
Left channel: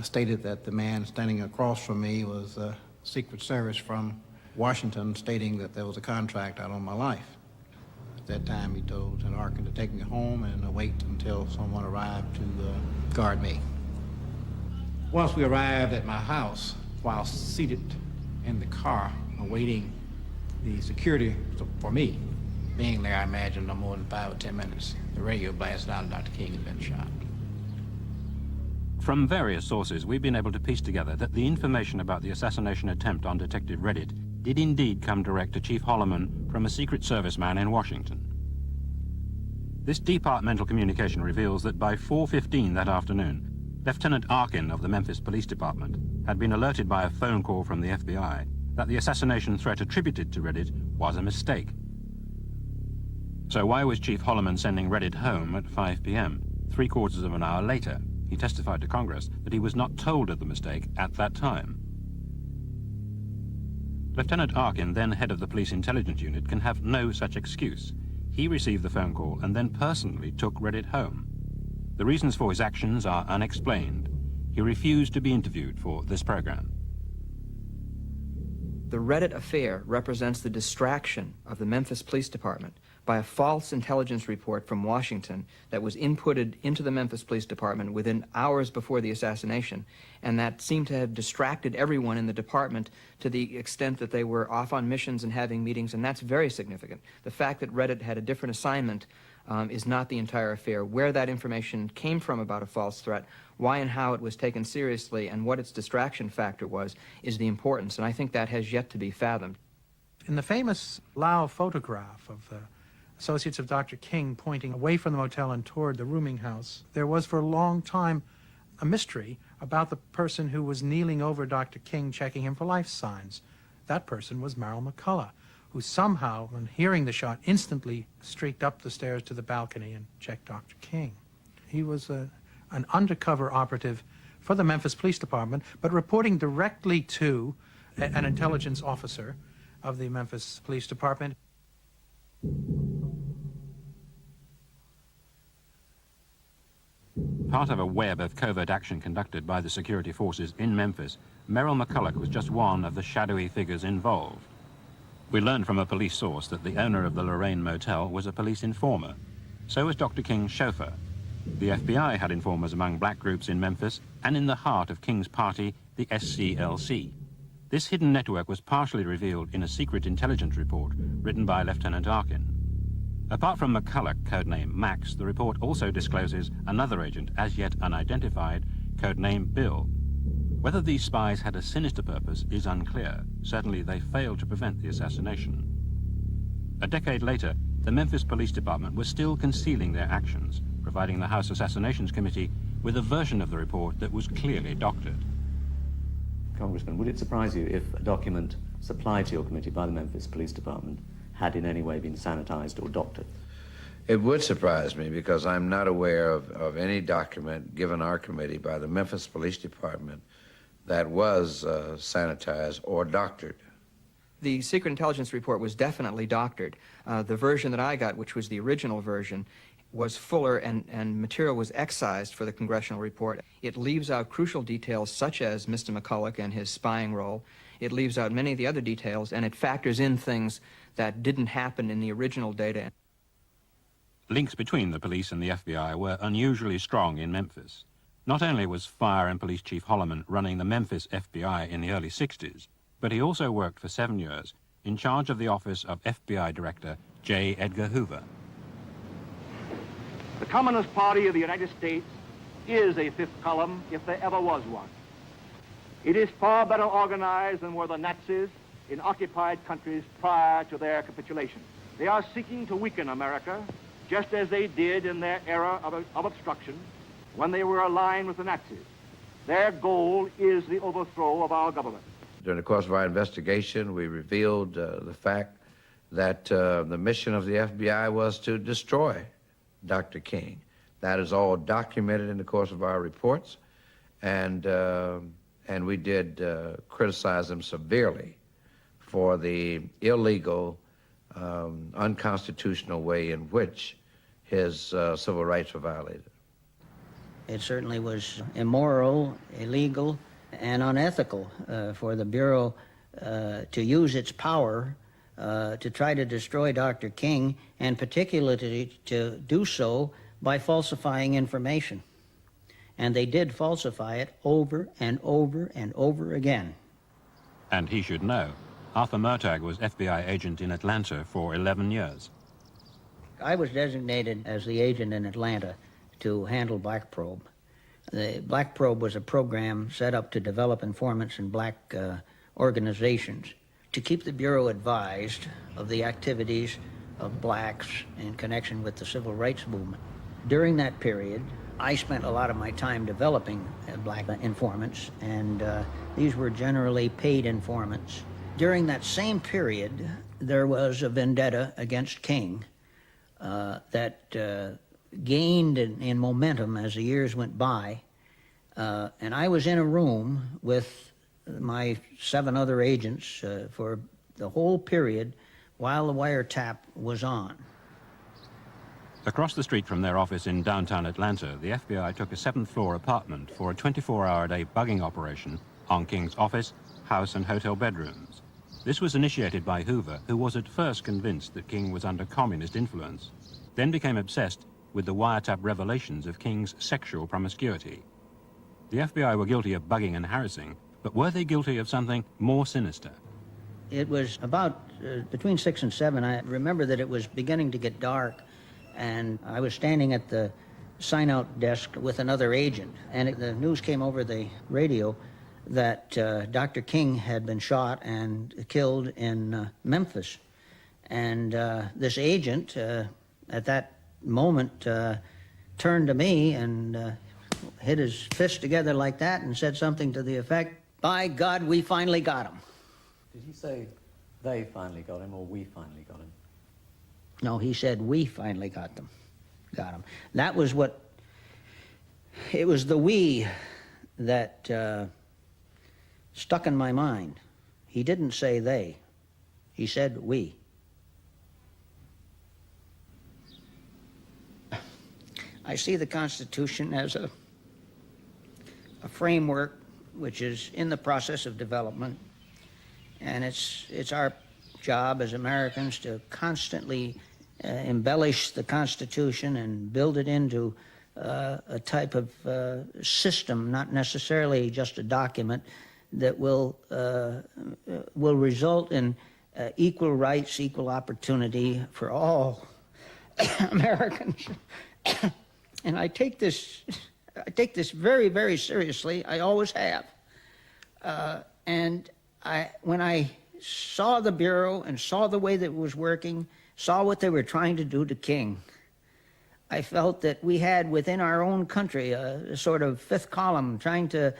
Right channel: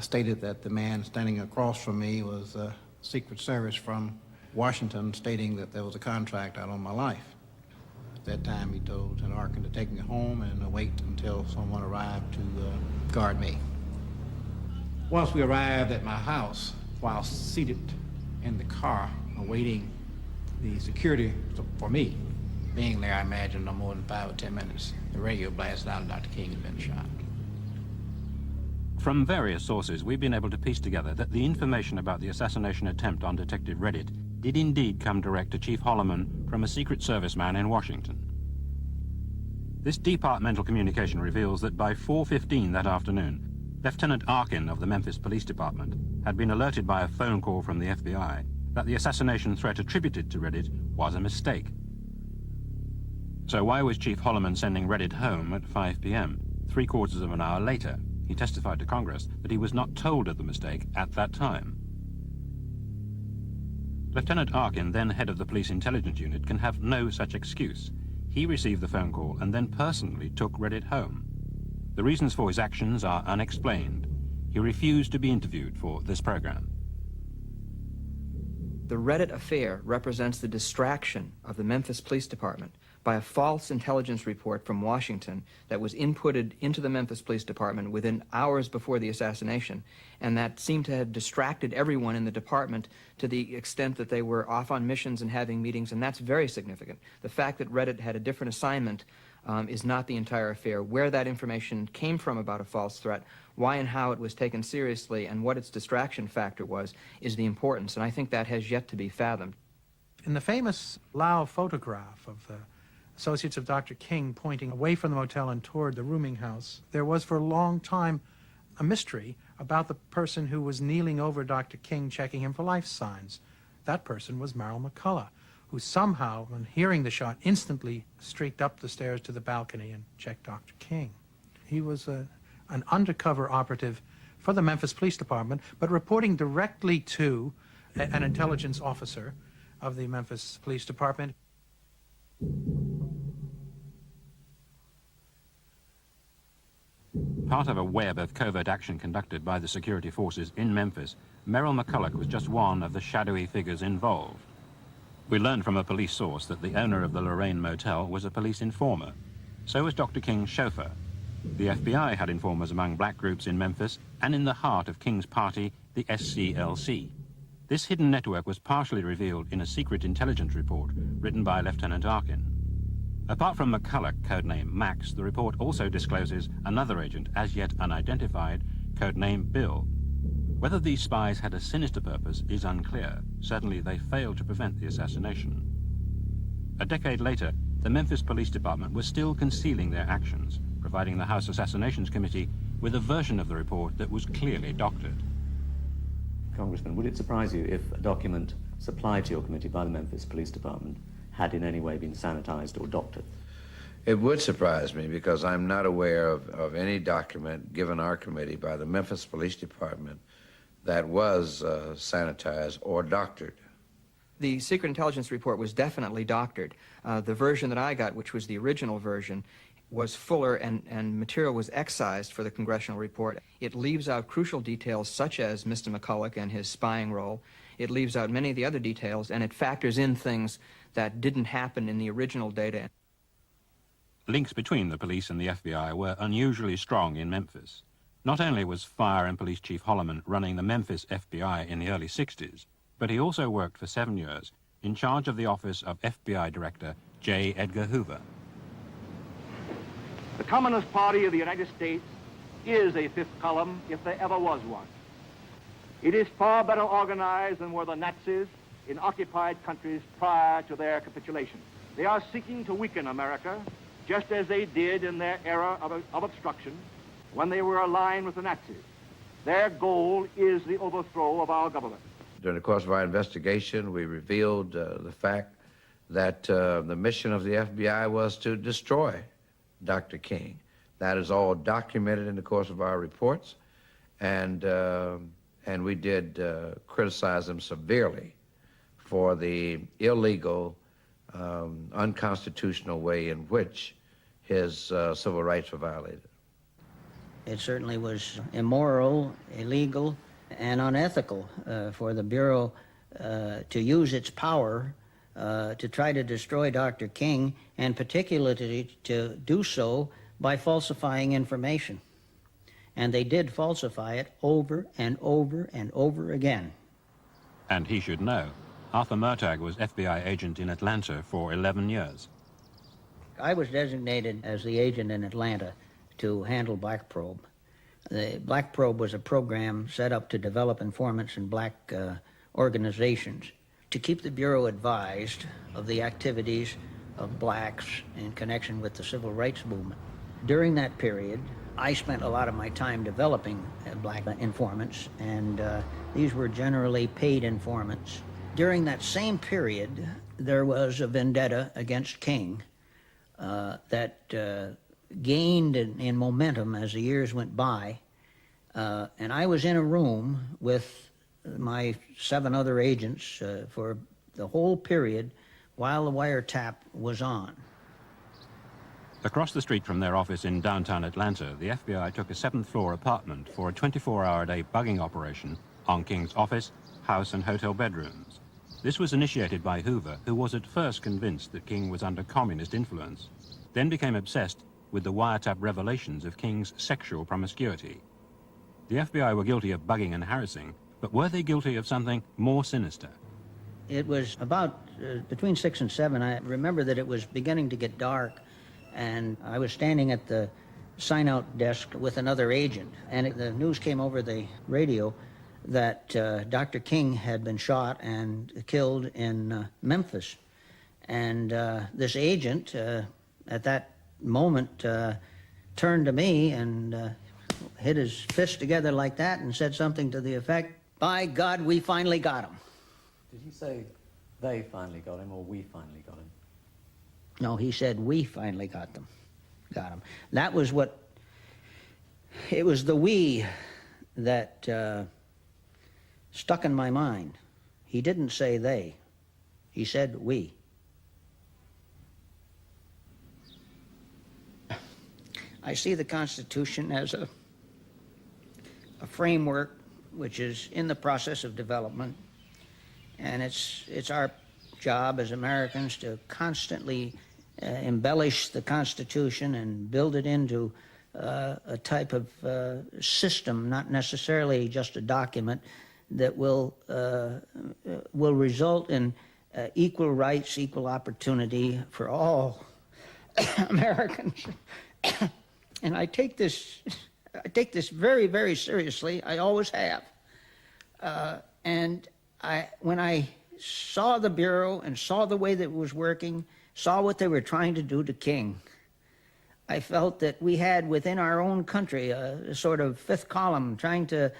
stated that the man standing across from me was Secret Service from Washington, stating that there was a contract out on my life. At that time, he told Lieutenant Larkin to take me home and wait until someone arrived to guard me. Once we arrived at my house, while seated in the car awaiting The security for me, being there, I imagine no more than 5 or 10 minutes. The radio blasted out Dr. King had been shot. From various sources, we've been able to piece together that the information about the assassination attempt on Detective Reddit did indeed come direct to Chief Holloman from a Secret Service man in Washington. This departmental communication reveals that by 4:15 that afternoon, Lieutenant Arkin of the Memphis Police Department had been alerted by a phone call from the FBI that the assassination threat attributed to Reddit was a mistake. So why was Chief Holloman sending Reddit home at 5 p.m., 3/4 of an hour later? He testified to Congress that he was not told of the mistake at that time. Lieutenant Arkin, then head of the Police Intelligence Unit, can have no such excuse. He received the phone call and then personally took Reddit home. The reasons for his actions are unexplained. He refused to be interviewed for this program. The Reddit affair represents the distraction of the Memphis Police Department by a false intelligence report from Washington that was inputted into the Memphis Police Department within hours before the assassination, and that seemed to have distracted everyone in the department to the extent that they were off on missions and having meetings, and that's very significant. The fact that Reddit had a different assignment is not the entire affair. Where that information came from about a false threat, why and how it was taken seriously, and what its distraction factor was, is the importance, and I think that has yet to be fathomed. In the famous Lau photograph of the associates of Dr. King pointing away from the motel and toward the rooming house, there was for a long time a mystery about the person who was kneeling over Dr. King checking him for life signs. That person was Merrill McCullough, who somehow, when hearing the shot, instantly streaked up the stairs to the balcony and checked Dr. King. He was an undercover operative for the Memphis Police Department, but reporting directly to an intelligence officer of the Memphis Police Department. Part of a web of covert action conducted by the security forces in Memphis, Merrill McCullough was just one of the shadowy figures involved. We learned from a police source that the owner of the Lorraine Motel was a police informer. So was Dr. King's chauffeur. The FBI had informers among black groups in Memphis and in the heart of King's party, the SCLC. This hidden network was partially revealed in a secret intelligence report written by Lieutenant Arkin. Apart from McCullough, codename Max, the report also discloses another agent, as yet unidentified, codenamed Bill. Whether these spies had a sinister purpose is unclear. Certainly they failed to prevent the assassination. A decade later, the Memphis Police Department was still concealing their actions, providing the House Assassinations Committee with a version of the report that was clearly doctored. Congressman, will it surprise you if a document supplied to your committee by the Memphis Police Department had in any way been sanitized or doctored? It would surprise me because I'm not aware of any document given our committee by the Memphis Police Department that was sanitized or doctored. The secret intelligence report was definitely doctored. The version that I got, which was the original version, was fuller and material was excised for the congressional report. It leaves out crucial details such as Mr. McCullough and his spying role. It leaves out many of the other details, and it factors in things that didn't happen in the original data. Links between the police and the FBI were unusually strong in Memphis. Not only was Fire and Police Chief Holloman running the Memphis FBI in the early 60s, but he also worked for 7 years in charge of the office of FBI Director J. Edgar Hoover. The Communist Party of the United States is a fifth column if there ever was one. It is far better organized than were the Nazis in occupied countries prior to their capitulation. They are seeking to weaken America, just as they did in their era of obstruction when they were aligned with the Nazis. Their goal is the overthrow of our government. During the course of our investigation, we revealed the fact that the mission of the FBI was to destroy Dr. King. That is all documented in the course of our reports, and we did criticize him severely for the illegal, unconstitutional way in which his civil rights were violated. It certainly was immoral, illegal, and unethical for the Bureau to use its power to try to destroy Dr. King, and particularly to do so by falsifying information. And they did falsify it over and over and over again. And he should know. Arthur Murtagh was FBI agent in Atlanta for 11 years. I was designated as the agent in Atlanta to handle Black Probe. The Black Probe was a program set up to develop informants in black organizations to keep the Bureau advised of the activities of blacks in connection with the civil rights movement. During that period, I spent a lot of my time developing black informants, and these were generally paid informants. During that same period, there was a vendetta against King that gained in momentum as the years went by, and I was in a room with my 7 other agents for the whole period while the wiretap was on. Across the street from their office in downtown Atlanta, the FBI took a 7th-floor apartment for a 24-hour-a-day bugging operation on King's office, house, and hotel bedrooms. This was initiated by Hoover, who was at first convinced that King was under communist influence, then became obsessed with the wiretap revelations of King's sexual promiscuity. The FBI were guilty of bugging and harassing, but were they guilty of something more sinister? It was about between 6 and 7. I remember that it was beginning to get dark, and I was standing at the sign-out desk with another agent, and the news came over the radio that Dr. King had been shot and killed in Memphis. And this agent, at that moment, turned to me and hit his fist together like that and said something to the effect, "By God, we finally got him." Did he say they finally got him or we finally got him? No, he said we finally got him. That was what, it was the we that stuck in my mind. He didn't say they. He said we. I see the Constitution as a framework which is in the process of development, and it's our job as Americans to constantly embellish the Constitution and build it into a type of system, not necessarily just a document, that will result in equal rights, equal opportunity for all Americans. And I take this very, very seriously. I always have. And when I saw the Bureau and saw the way that it was working, saw what they were trying to do to King, I felt that we had within our own country a sort of 5th column trying to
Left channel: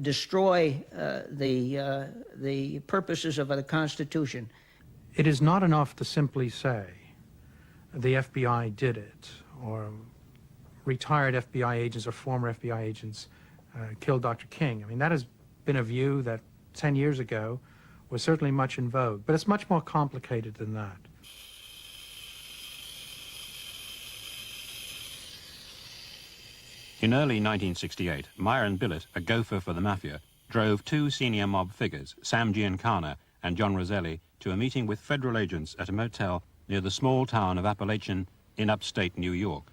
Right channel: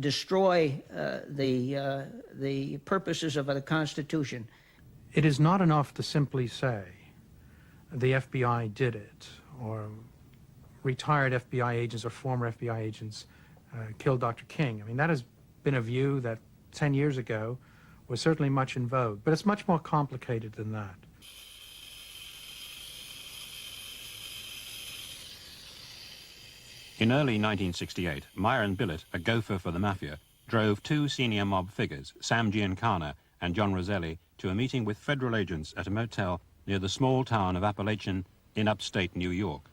destroy the purposes of the Constitution. It is not enough to simply say the FBI did it, or retired FBI agents or former FBI agents killed Dr. King. I mean, that has been a view that 10 years ago was certainly much in vogue, but it's much more complicated than that. In early 1968, Myron Billett, a gopher for the Mafia, drove 2 senior mob figures, Sam Giancana and John Roselli, to a meeting with federal agents at a motel near the small town of Appalachian in upstate New York.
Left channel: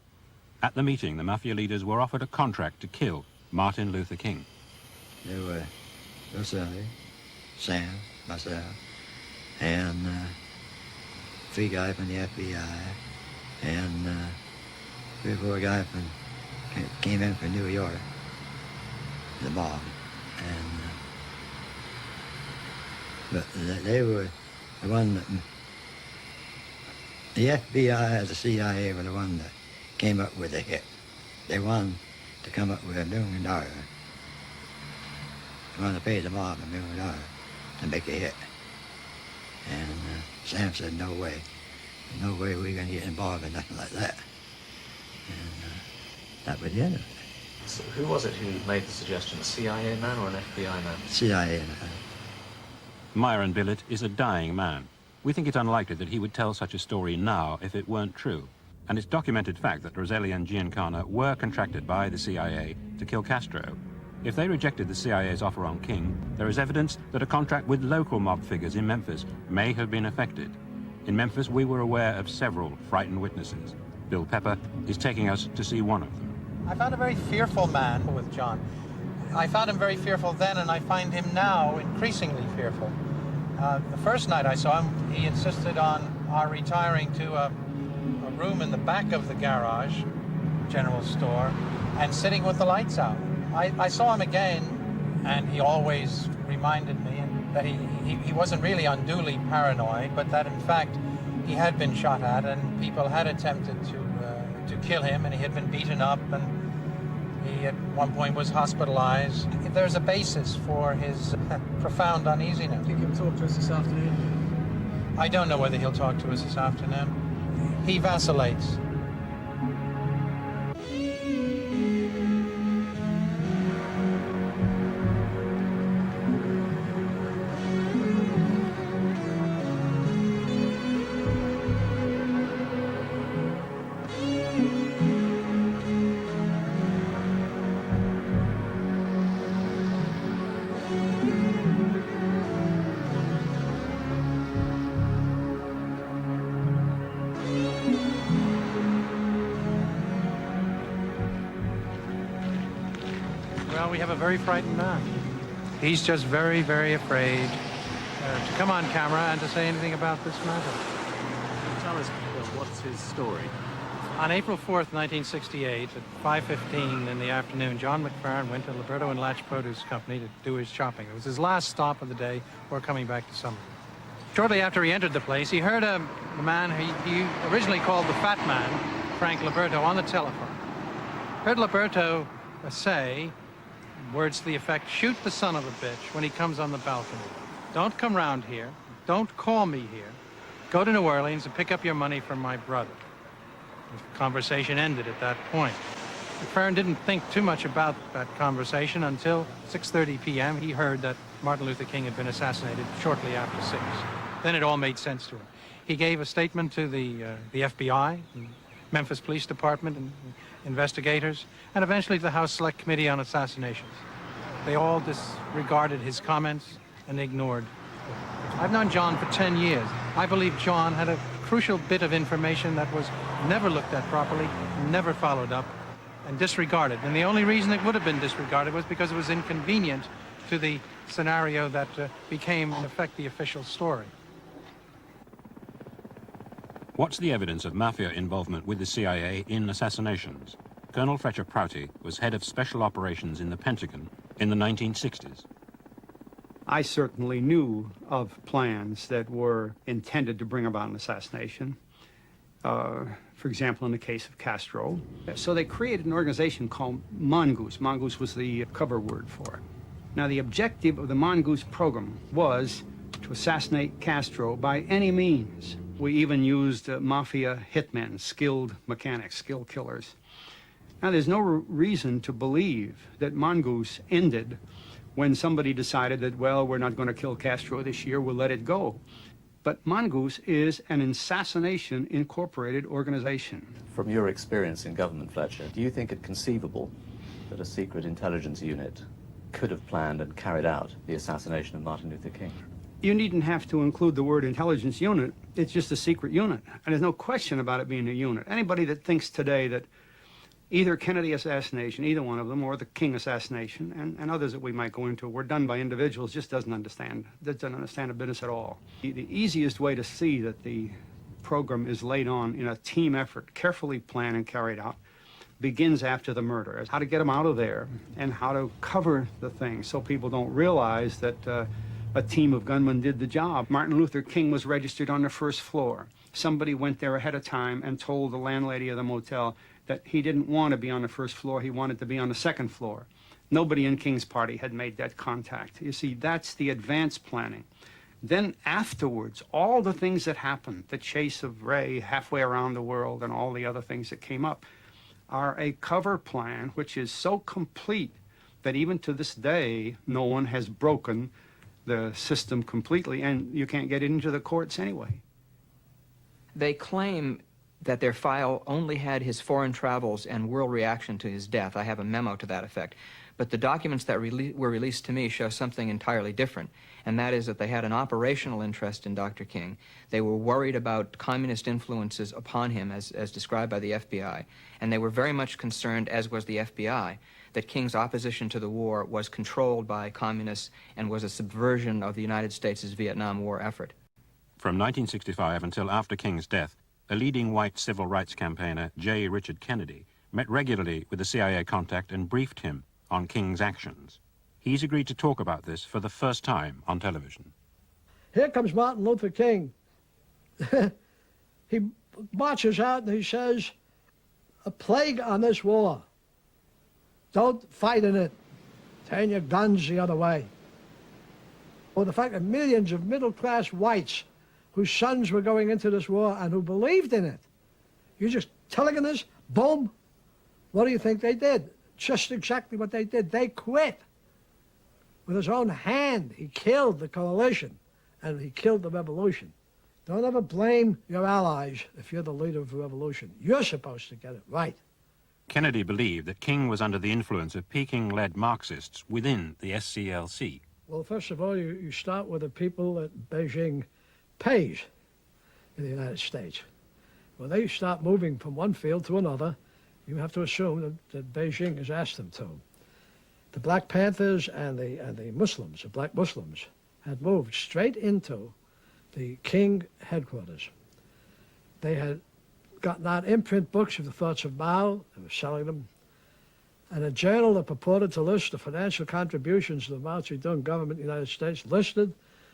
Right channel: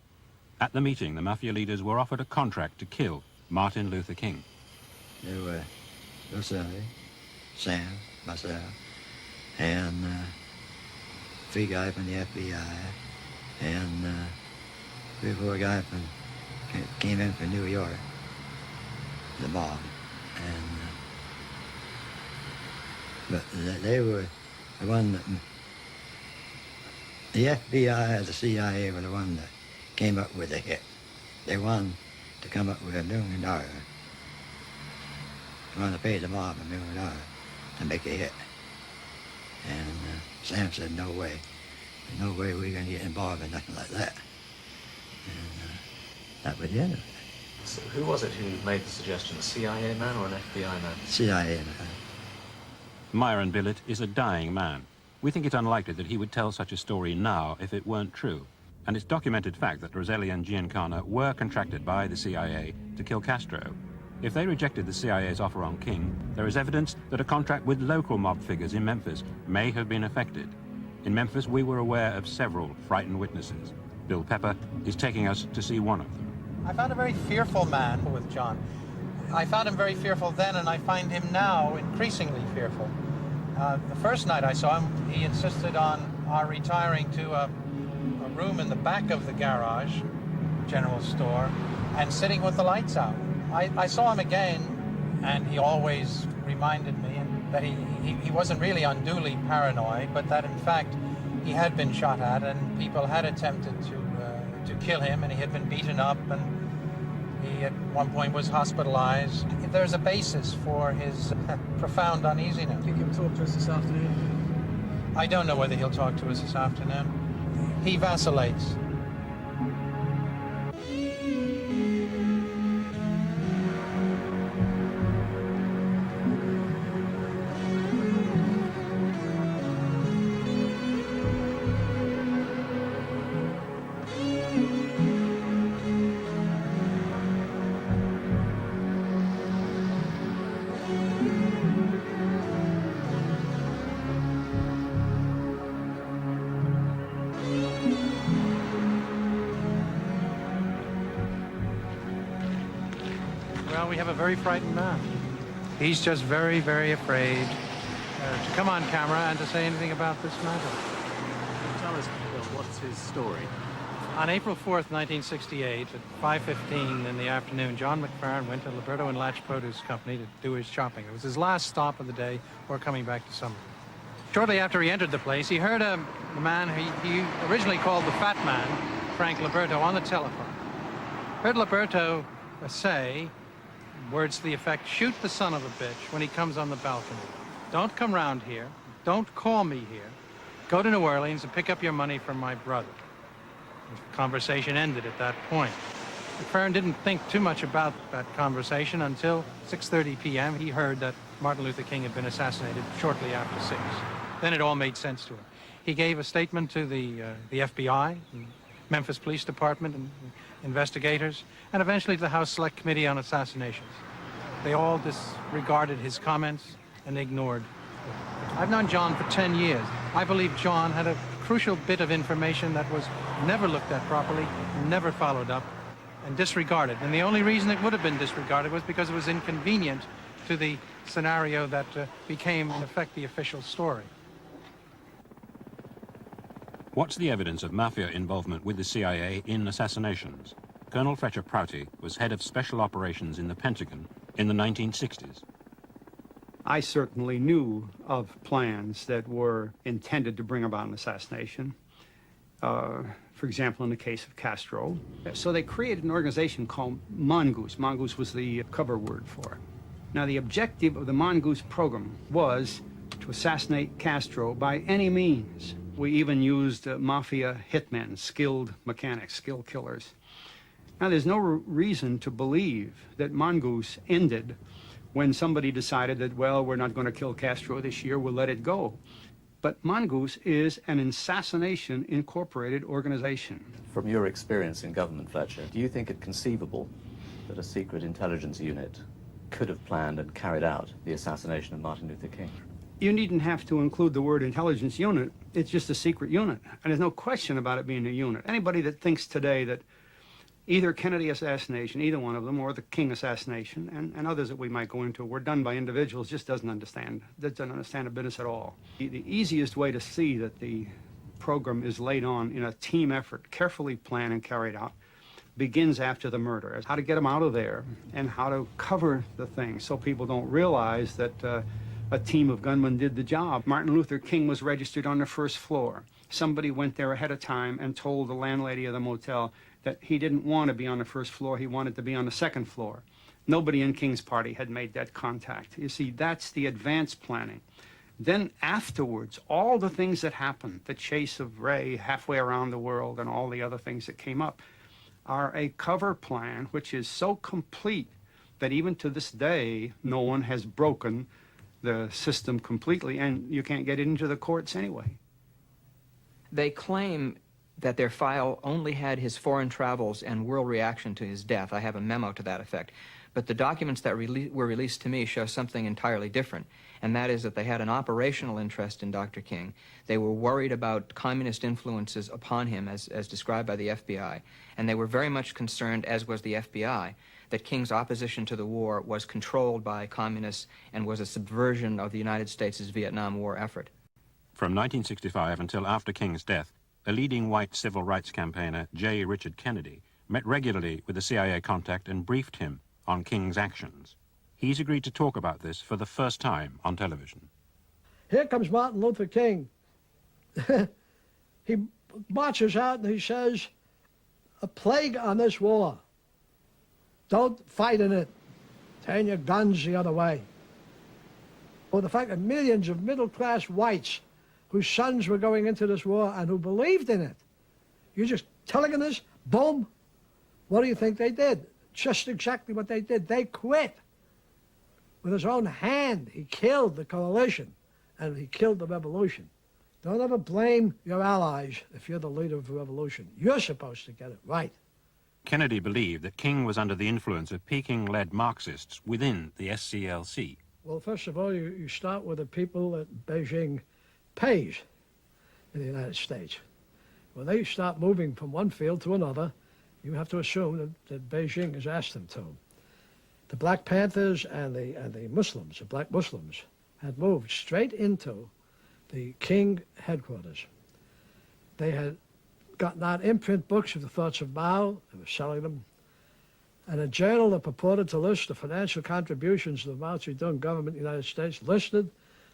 At the meeting, the Mafia leaders were offered a contract to kill Martin Luther King. There were Roselli, Sam, myself, and 3 guys from the FBI, and 3 or 4 guys came in from New York, the mob, and but they were the one that the FBI and the CIA were the one that came up with the hit. They wanted to come up with $1 million. They wanted to pay the mob $1 million to make a hit. And Sam said, no way. No way we're going to get involved in nothing like that. And that was the end of it. So who was it who made the suggestion? A CIA man or an FBI man? CIA man. Myron Billett is a dying man. We think it unlikely that he would tell such a story now if it weren't true. And it's documented fact that Roselli and Giancana were contracted by the CIA to kill Castro. If they rejected the CIA's offer on King, there is evidence that a contract with local mob figures in Memphis may have been effected. In Memphis, we were aware of several frightened witnesses. Bill Pepper is taking us to see one of them. I found a very fearful man with John. I found him very fearful then, and I find him now increasingly fearful. The first night I saw him, he insisted on our retiring to a room in the back of the garage, general store, and sitting with the lights out. I saw him again, and he always reminded me that he wasn't really unduly paranoid, but that in fact he had been shot at and people had attempted to kill him, and he had been beaten up, and he at one point was hospitalized. There's a basis for his profound uneasiness. Do you think he'll talk to us this afternoon? I don't know whether he'll talk to us this afternoon. He vacillates. Well, we have a very frightened man. He's just very, very afraid to come on camera and to say anything about this matter. Tell us what's his story. On April 4th, 1968, at 5:15 in the afternoon, John McFerrin went to Alberta and Latch Produce Company to do his shopping. It was his last stop of the day before coming back to Summer. Shortly after he entered the place, he heard a man he originally called the Fat Man, Frank Liberto, on the telephone. Heard Liberto say words to the effect, "Shoot the son of a bitch when he comes on the balcony. Don't come round here. Don't call me here. Go to New Orleans and pick up your money from my brother." The conversation ended at that point. McFerrin didn't think too much about that conversation until 6:30 p.m. He heard that Martin Luther King had been assassinated shortly after 6. Then it all made sense to him. He gave a statement to the FBI, the Memphis Police Department, and investigators, and eventually to the House Select Committee on Assassinations. They all disregarded his comments and ignored. I've known John for 10 years. I believe John had a crucial bit of information that was never looked at properly, never followed up, and disregarded. And the only reason it would have been disregarded was because it was inconvenient to the scenario that became, in effect, the official story. What's the evidence of mafia involvement with the CIA in assassinations? Colonel Fletcher Prouty was head of special operations in the Pentagon in the 1960s. I certainly knew of plans that were intended to bring about an assassination. For example, in the case of Castro. So they created an organization called Mongoose. Mongoose was the cover word for it. Now, the objective of the Mongoose program was to assassinate Castro by any means. We even used mafia hitmen, skilled mechanics, skilled killers. Now, there's no reason to believe that Mongoose ended when somebody decided that, well, we're not going to kill Castro this year, we'll let it go. But Mongoose is an assassination incorporated organization. From your experience in government, Fletcher, do you think it conceivable that a secret intelligence unit could have planned and carried out the assassination of Martin Luther King? You needn't have to include the word intelligence unit. It's just a secret unit. And there's no question about it being a unit. Anybody that thinks today that either Kennedy assassination, either one of them, or the King assassination, and others that we might go into, were done by individuals, just doesn't understand the business at all. The easiest way to see that the program is laid on in a team effort, carefully planned and carried out, begins after the murder. How to get them out of there and how to cover the thing so people don't realize that a team of gunmen did the job. Martin Luther King was registered on the first floor. Somebody went there ahead of time and told the landlady of the motel that he didn't want to be on the first floor, he wanted to be on the second floor. Nobody in King's party had made that contact. You see, that's the advanced planning. Then afterwards, all the things that happened, the chase of Ray halfway around the world and all the other things that came up, are a cover plan which is so complete that even to this day, no one has broken the system completely, and you can't get into the courts anyway. They claim that their file only had his foreign travels and world reaction to his death. I have a memo to that effect. But the documents that were released to me show something entirely different, and that is that they had an operational interest in Dr. King. They were worried about communist influences upon him, as described by the FBI, and they were very much concerned, as was the FBI, that King's opposition to the war was controlled by communists and was a subversion of the United States' Vietnam War effort. From 1965 until after King's death, a leading white civil rights campaigner, J. Richard Kennedy, met regularly with the CIA contact and briefed him on King's actions. He's agreed to talk about this for the first time on television. Here comes Martin Luther King. He marches out and he says, "A plague on this war. Don't fight in it. Turn your guns the other way." Well, the fact that millions of middle-class whites whose sons were going into this war and who believed in it, you just telling them this, boom, what do you think they did? Just exactly what they did. They quit. With his own hand, he killed the coalition and he killed the revolution. Don't ever blame your allies if you're the leader of the revolution. You're supposed to get it right. Kennedy believed that King was under the influence of Peking-led Marxists within the SCLC. Well, first of all, you start with the people that Beijing pays in the United States. When they start moving from one field to another, you have to assume that Beijing has asked them to. The Black Panthers and the Muslims, the black Muslims, had moved straight into the King headquarters. They had gotten out imprint books of the thoughts of Mao, they were selling them, and a journal that purported to list the financial contributions to the Mao Zedong government of the United States listed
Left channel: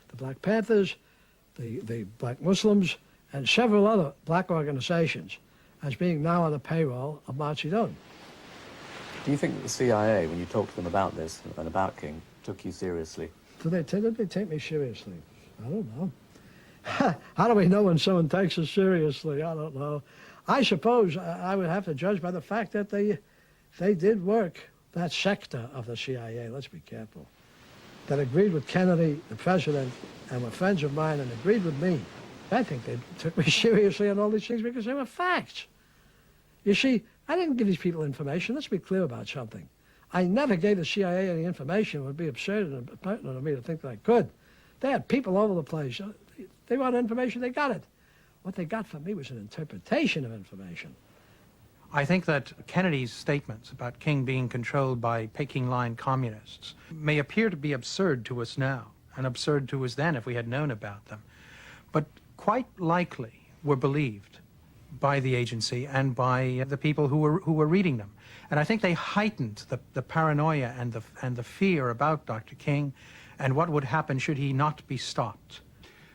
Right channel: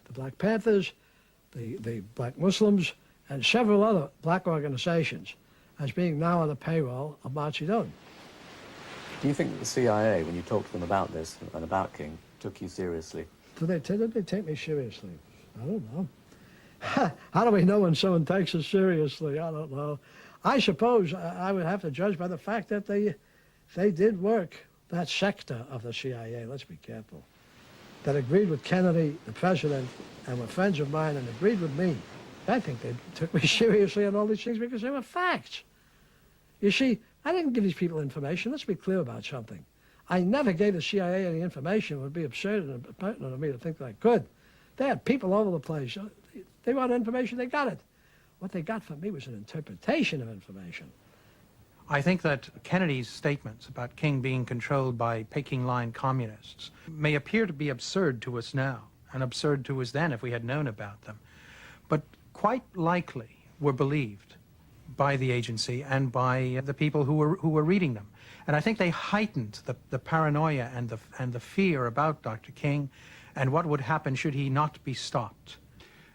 the Black Panthers, the Black Muslims, and several other black organizations as being now on the payroll of Mao Zedong. Do you think the CIA, when you talked to them about this, about King, took you seriously? Did they take me seriously? I don't know. How do we know when someone takes us seriously? I don't know. I suppose I would have to judge by the fact that they did work, that sector of the CIA, let's be careful, that agreed with Kennedy, the president, and were friends of mine and agreed with me. I think they took me seriously on all these things because they were facts. You see, I didn't give these people information. Let's be clear about something. I never gave the CIA any information. It would be absurd and impertinent of me to think that I could. They had people all over the place. They wanted information, they got it. What they got from me was an interpretation of information. I think that Kennedy's statements about King being controlled by Peking-line communists may appear to be absurd to us now, and absurd to us then if we had known about them, but quite likely were believed by the agency and by the people who were reading them. And I think they heightened the paranoia and the fear about Dr. King and what would happen should he not be stopped.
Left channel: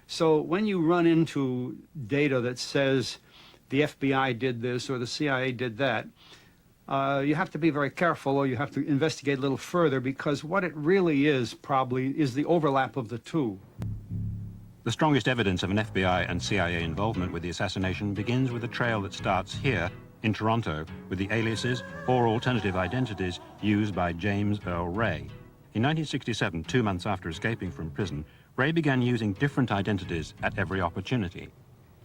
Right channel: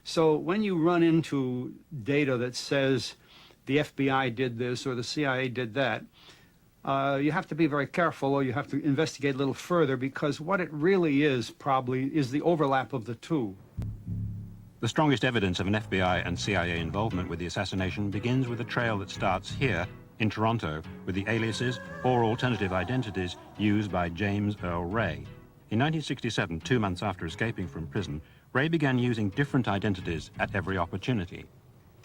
So when you run into data that says the FBI did this or the CIA did that, you have to be very careful, or you have to investigate a little further, because what it really is probably is the overlap of the two. The strongest evidence of an FBI and CIA involvement with the assassination begins with a trail that starts here in Toronto with the aliases or alternative identities used by James Earl Ray. In 1967, 2 months after escaping from prison, Ray began using different identities at every opportunity.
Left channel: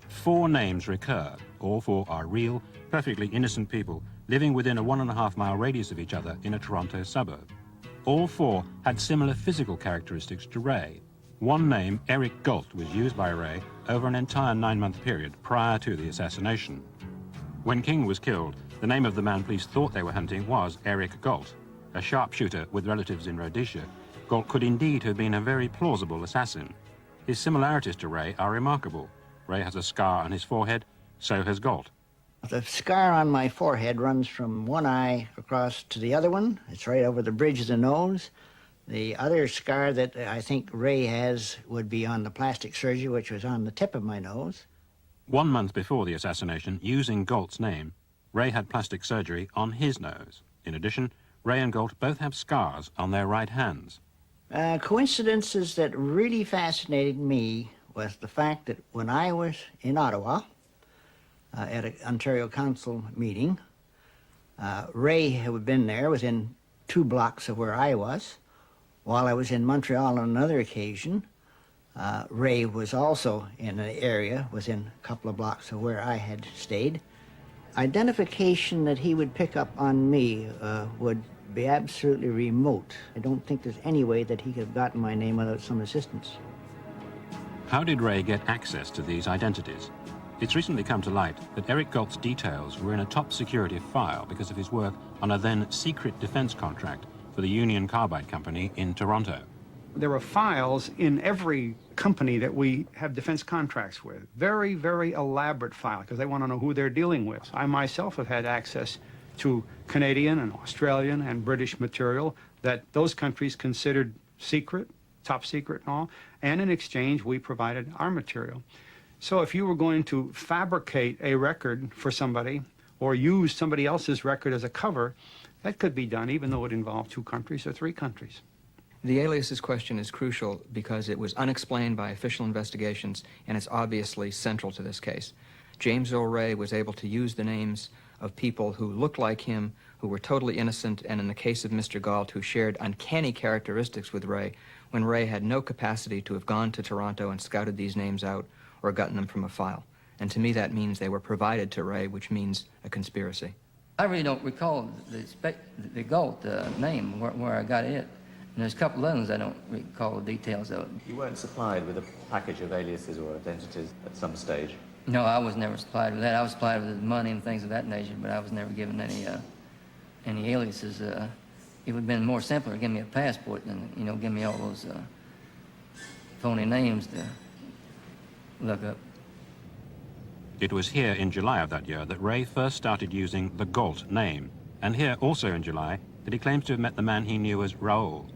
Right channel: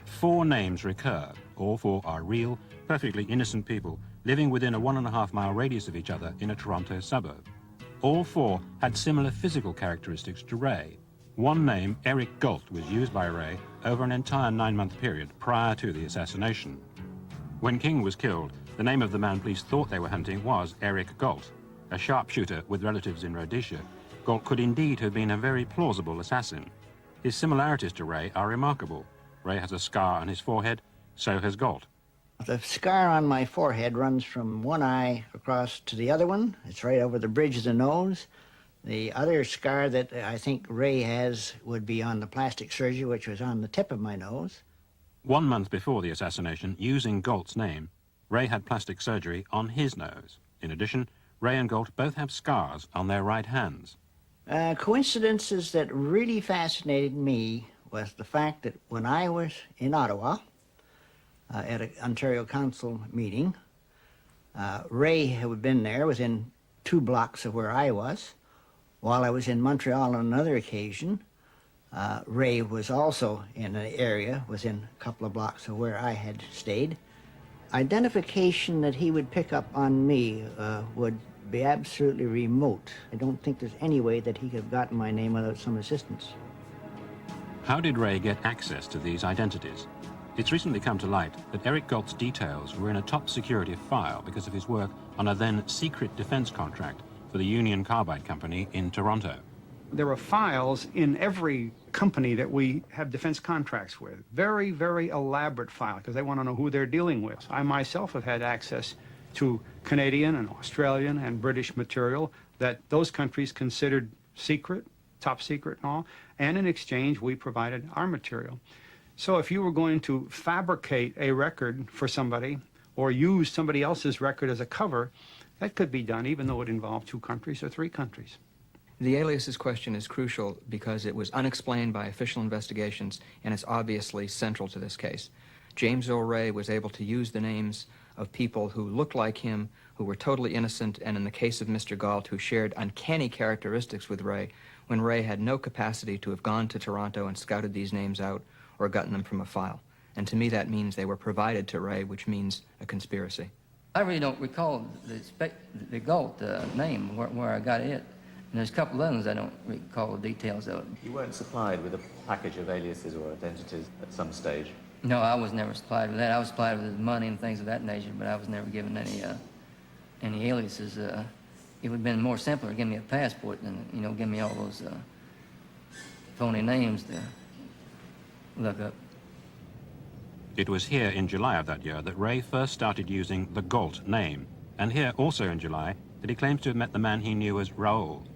4 names recur. All 4 are real, perfectly innocent people living within a 1.5-mile radius of each other in a Toronto suburb. All 4 had similar physical characteristics to Ray. One name, Eric Galt, was used by Ray over an entire 9-month period prior to the assassination. When King was killed, the name of the man police thought they were hunting was Eric Galt. A sharpshooter with relatives in Rhodesia, Galt could indeed have been a very plausible assassin. His similarities to Ray are remarkable. Ray has a scar on his forehead, so has Galt. The scar on my forehead runs from one eye across to the other one. It's right over the bridge of the nose. The other scar that I think Ray has would be on the plastic surgery, which was on the tip of my nose. 1 month before the assassination, using Galt's name, Ray had plastic surgery on his nose. In addition, Ray and Galt both have scars on their right hands. Coincidences that really fascinated me was the fact that when I was in Ottawa at an Ontario Council meeting, Ray, who had been there, was in 2 blocks of where I was. While I was in Montreal on another occasion, Ray was also in an area, was in a couple of blocks of where I had stayed. Identification that he would pick up on me would be absolutely remote. I don't think there's any way that he could have gotten my name without some assistance. How did Ray get access to these identities? It's recently come to light that Eric Galt's details were in a top security file because of his work on a then secret defense contract for the Union Carbide Company in Toronto. There are files in every company that we have defense contracts with. Very, very elaborate files, because they want to know who they're dealing with. I myself have had access to Canadian and Australian and British material that those countries considered secret, top secret and all, and in exchange we provided our material. So if you were going to fabricate a record for somebody or use somebody else's record as a cover, that could be done even though it involved 2 countries or 3 countries. The aliases question is crucial because it was unexplained by official investigations and is obviously central to this case. James Earl Ray was able to use the names of people who looked like him, who were totally innocent, and in the case of Mr. Galt, who shared uncanny characteristics with Ray, when Ray had no capacity to have gone to Toronto and scouted these names out or gotten them from a file. And to me that means they were provided to Ray, which means a conspiracy. I really don't recall the Galt name, where I got it. And there's a couple of others I don't recall the details of. You weren't supplied with a package of aliases or identities at some stage? No, I was never supplied with that. I was supplied with money and things of that nature, but I was never given any aliases. It would have been more simple to give me a passport than, give me all those phony names to look up. It was here in July of that year that Ray first started using the Galt name, and here also in July that he claimed to have met the man he knew as Raoul.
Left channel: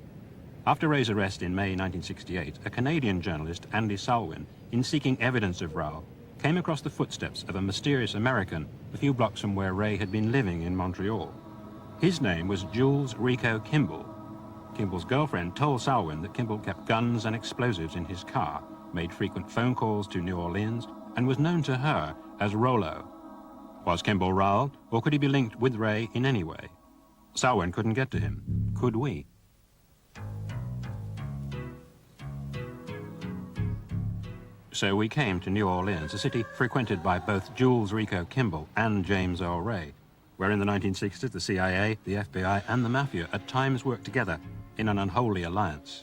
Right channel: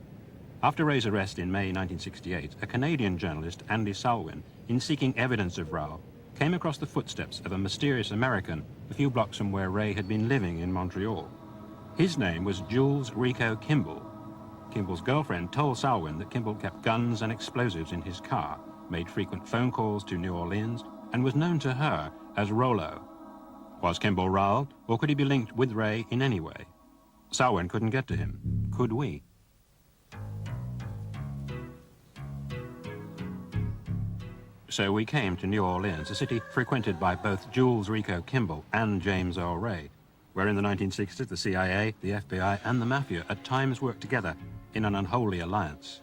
After Ray's arrest in May 1968, a Canadian journalist, Andy Salwin, in seeking evidence of Raoul, came across the footsteps of a mysterious American a few blocks from where Ray had been living in Montreal. His name was Jules Rico Kimball. Kimball's girlfriend told Salwin that Kimball kept guns and explosives in his car, made frequent phone calls to New Orleans, and was known to her as Rollo. Was Kimball Raoul, or could he be linked with Ray in any way? Salwin couldn't get to him. Could we? So we came to New Orleans, a city frequented by both Jules Rico Kimball and James Earl Ray, where in the 1960s the CIA, the FBI, and the Mafia at times worked together in an unholy alliance.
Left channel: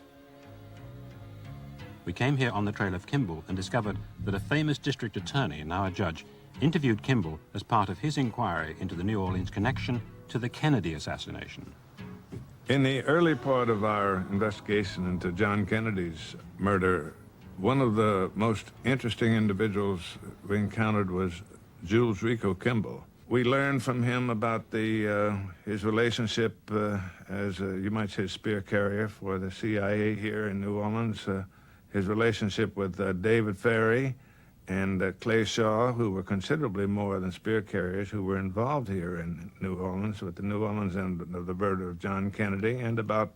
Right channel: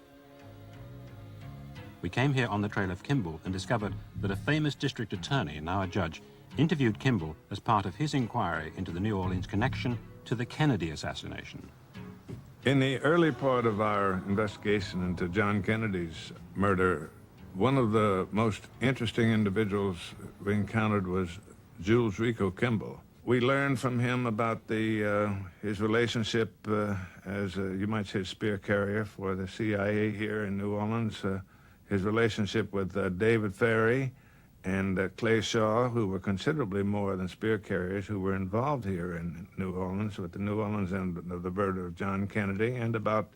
We came here on the trail of Kimball and discovered that a famous district attorney, now a judge, interviewed Kimball as part of his inquiry into the New Orleans connection to the Kennedy assassination. In the early part of our investigation into John Kennedy's murder, one of the most interesting individuals we encountered was Jules Rico Kimball. We learned from him about his relationship as, you might say, a spear carrier for the CIA here in New Orleans, his relationship with David Ferry and Clay Shaw, who were considerably more than spear carriers, who were involved here in New Orleans with the New Orleans end of the murder of John Kennedy, and about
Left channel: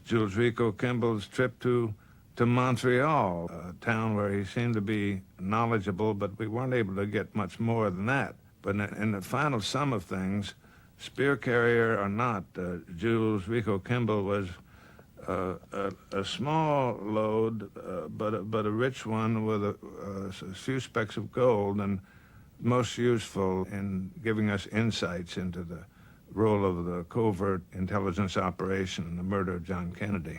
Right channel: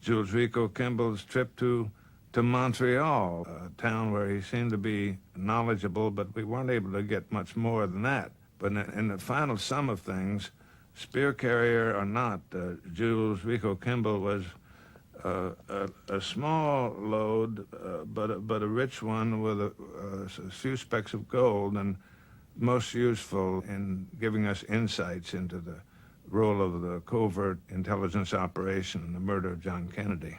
Jules Rico Kimball's trip to Montreal, a town where he seemed to be knowledgeable, but we weren't able to get much more than that. But in the final sum of things, spear carrier or not, Jules Rico Kimball was a small load, but a rich one with a few specks of gold, and most useful in giving us insights into the role of the covert intelligence operation, the murder of John Kennedy.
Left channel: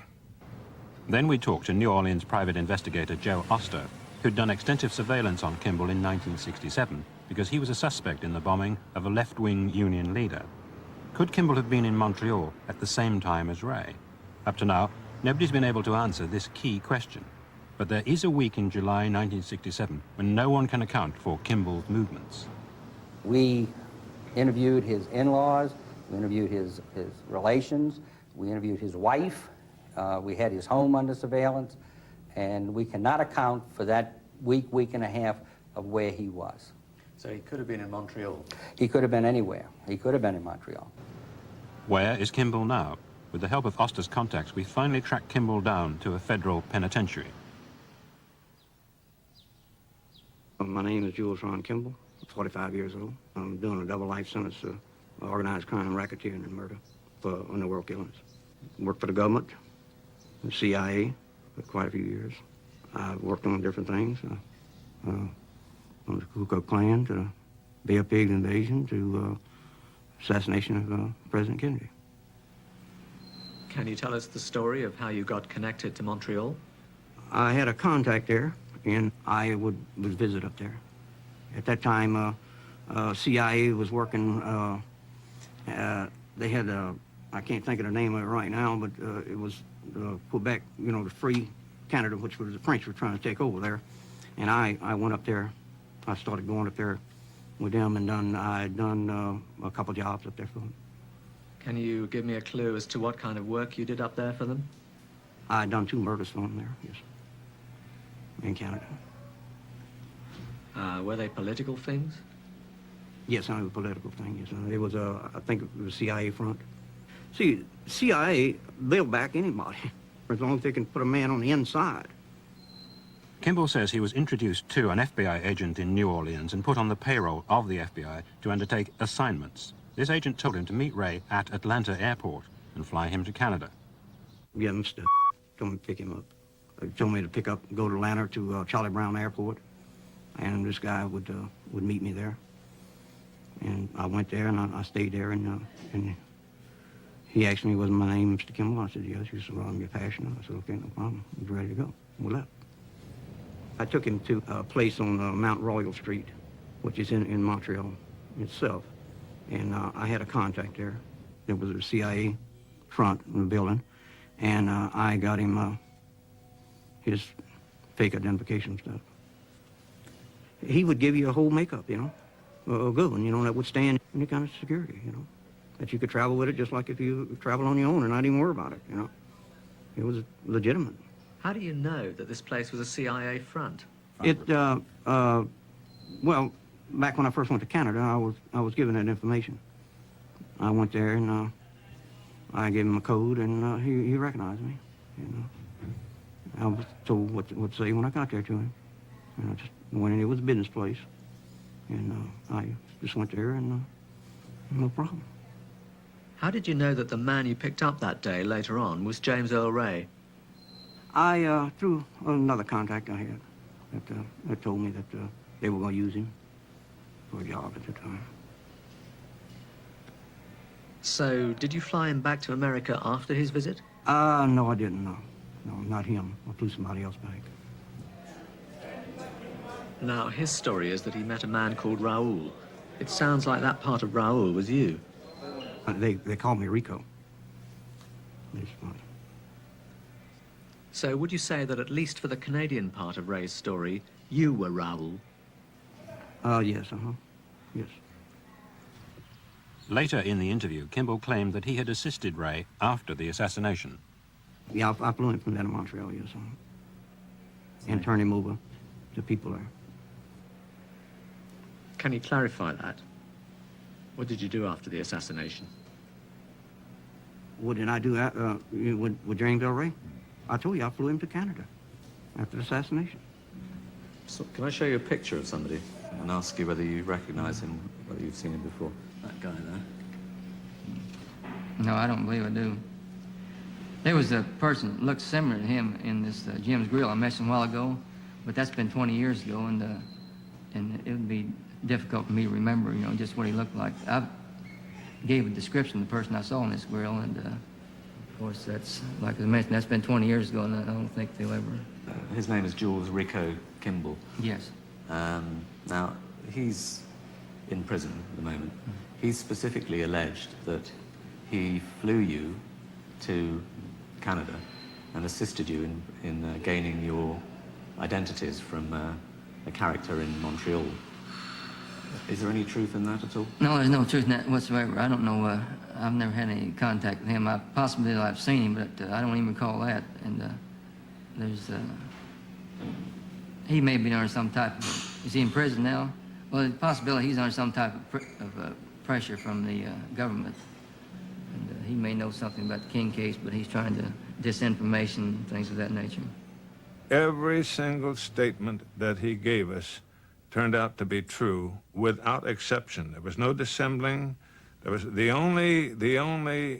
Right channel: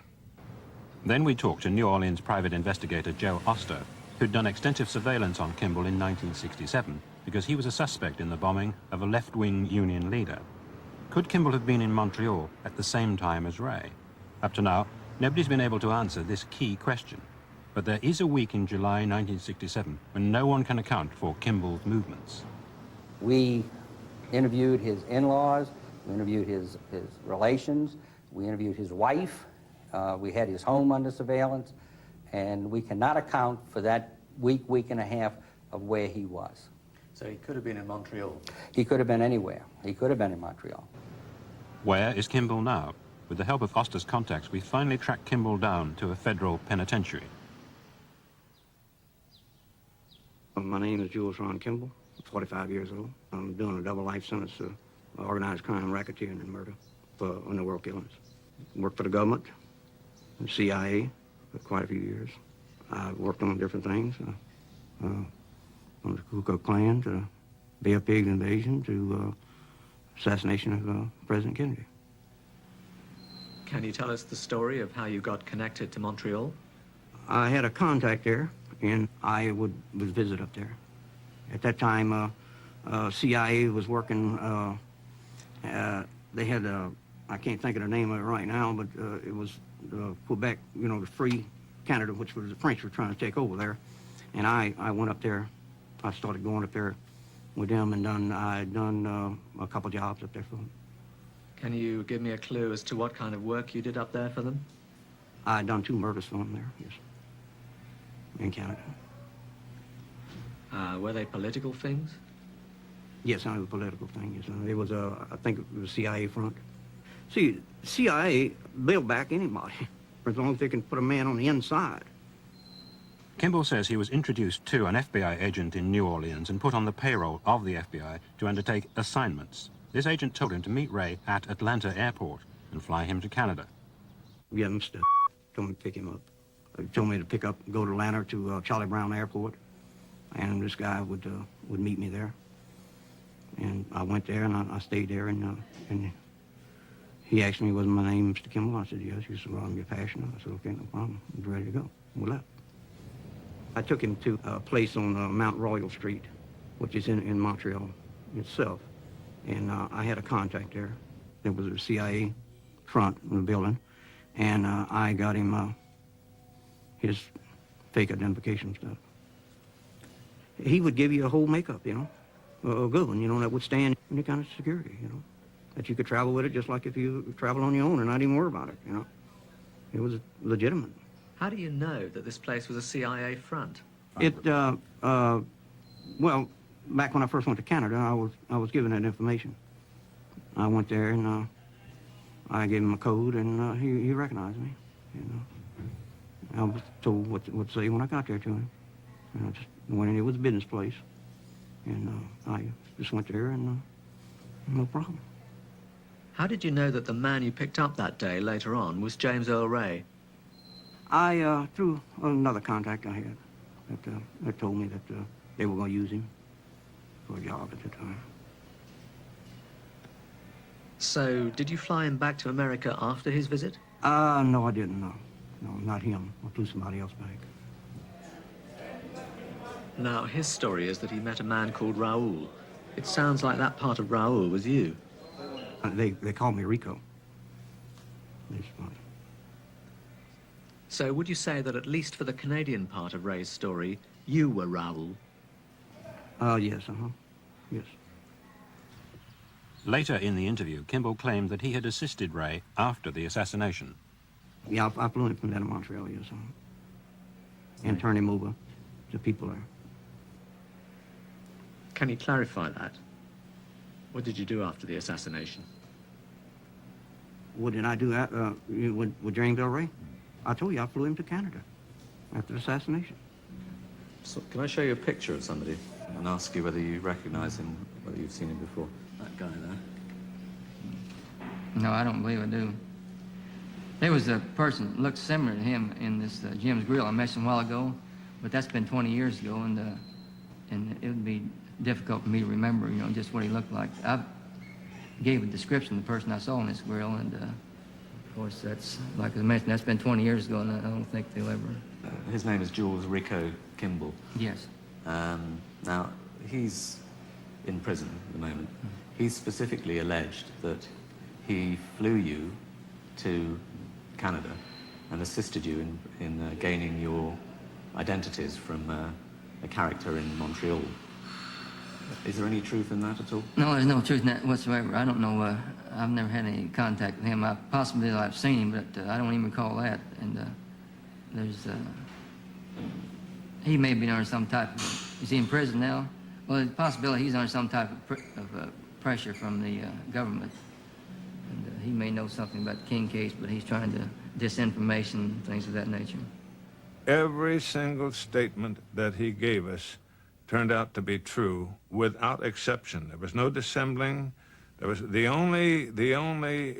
Then we talked to New Orleans private investigator Joe Oster, who'd done extensive surveillance on Kimball in 1967 because he was a suspect in the bombing of a left-wing Union leader. Could Kimball have been in Montreal at the same time as Ray? Up to now, nobody's been able to answer this key question. But there is a week in July 1967 when no one can account for Kimball's movements. We interviewed his in-laws, we interviewed his relations, we interviewed his wife, we had his home under surveillance, and we cannot account for that week and a half of where he was. So he could have been in Montreal? He could have been anywhere. He could have been in Montreal. Where is Kimball now? With the help of Oster's contacts, we finally tracked Kimball down to a federal penitentiary. My name is Jules Ron Kimball, 45 years old. I'm doing a double life sentence of organized crime, racketeering, and murder for underworld killings. Worked for the government, the CIA, for quite a few years. I worked on different things, on the Ku Klux Klan, to Bay of Pigs invasion, to assassination of President Kennedy. Can you tell us the story of how you got connected to Montreal? I had a contact there, and I would visit up there. At that time, CIA was working, they had, I can't think of the name of it right now, but it was Quebec, you know, the Free Canada, which was the French were trying to take over there. And I went up there. I started going up there with them, and I had done a couple jobs up there for them. Can you give me a clue as to what kind of work you did up there for them? I had done 2 murders for them there, yes, in Canada. Were they political things? Yes, I know the political things. It was, I think it was the CIA front. See, CIA, they'll back anybody, as long as they can put a man on the inside. Kimball says he was introduced to an FBI agent in New Orleans and put on the payroll of the FBI to undertake assignments. This agent told him to meet Ray at Atlanta Airport and fly him to Canada. Yeah, Mr. told me to pick him up. He told me to go to Atlanta to Charlie Brown Airport, and this guy would meet me there. And I went there, and I stayed there, and he asked me, "Was my name Mr. Kimball?" I said, "Yes." He said, "Well, you're passionate." I said, "Okay, no problem. I'm ready to go." We left. I took him to a place on Mount Royal Street, which is in Montreal itself. And I had a contact there. It was a CIA front in the building. And I got him his fake identification stuff. He would give you a whole makeup, you know, a good one, you know, that would stand any kind of security, you know, that you could travel with it just like if you travel on your own and not even worry about it, you know. It was legitimate. How do you know that this place was a CIA front? Well, back when I first went to Canada, I was given that information. I went there and I gave him a code, and he recognized me. You know, I was told what to say when I got there to him. When it was a business place, and I just went there, and no problem. How did you know that the man you picked up that day later on was James Earl Ray? Through another contact I had, they told me that they were going to use him for a job at that time. So, did you fly him back to America after his visit? No, I didn't, no. No, not him. I flew somebody else back. Now, his story is that he met a man called Raoul. It sounds like that part of Raoul was you. They call me Rico. So would you say that at least for the Canadian part of Ray's story, you were Raoul? Yes, yes. Later in the interview, Kimball claimed that he had assisted Ray after the assassination. Yeah, I flew him from down to Montreal, yes. And turned him over to the people there. Can you clarify that? What did you do after the assassination? What did I do with James Earl Ray? I told you I flew him to Canada after the assassination. So can I show you a picture of somebody and ask you whether you recognize him, whether you've seen him before? That guy there. No, I don't believe I do. There was a person that looked similar to him in this Jim's Grill I mentioned a while ago, but that's been 20 years ago, and it would be difficult for me to remember, you know, just what he looked like. I gave a description of the person I saw in this grill, and of course that's, like I mentioned, that's been 20 years ago, and I don't think they'll ever... His name is Jules Rico Kimball. Yes. Now, he's in prison at the moment. He's specifically alleged that he flew you to Canada and assisted you in gaining your identities from a character in Montreal. Is there any truth in that at all? No, there's no truth in that whatsoever. I don't know, I've never had any contact with him. Possibly I've seen him, but I don't even recall that. And he may be under some type of, is he in prison now? Well, there's a possibility he's under some type of pressure from the government. And he may know something about the King case, but he's trying to disinformation, things of that nature. Every single statement that he gave us turned out to be true without exception. There was no dissembling. There was the only,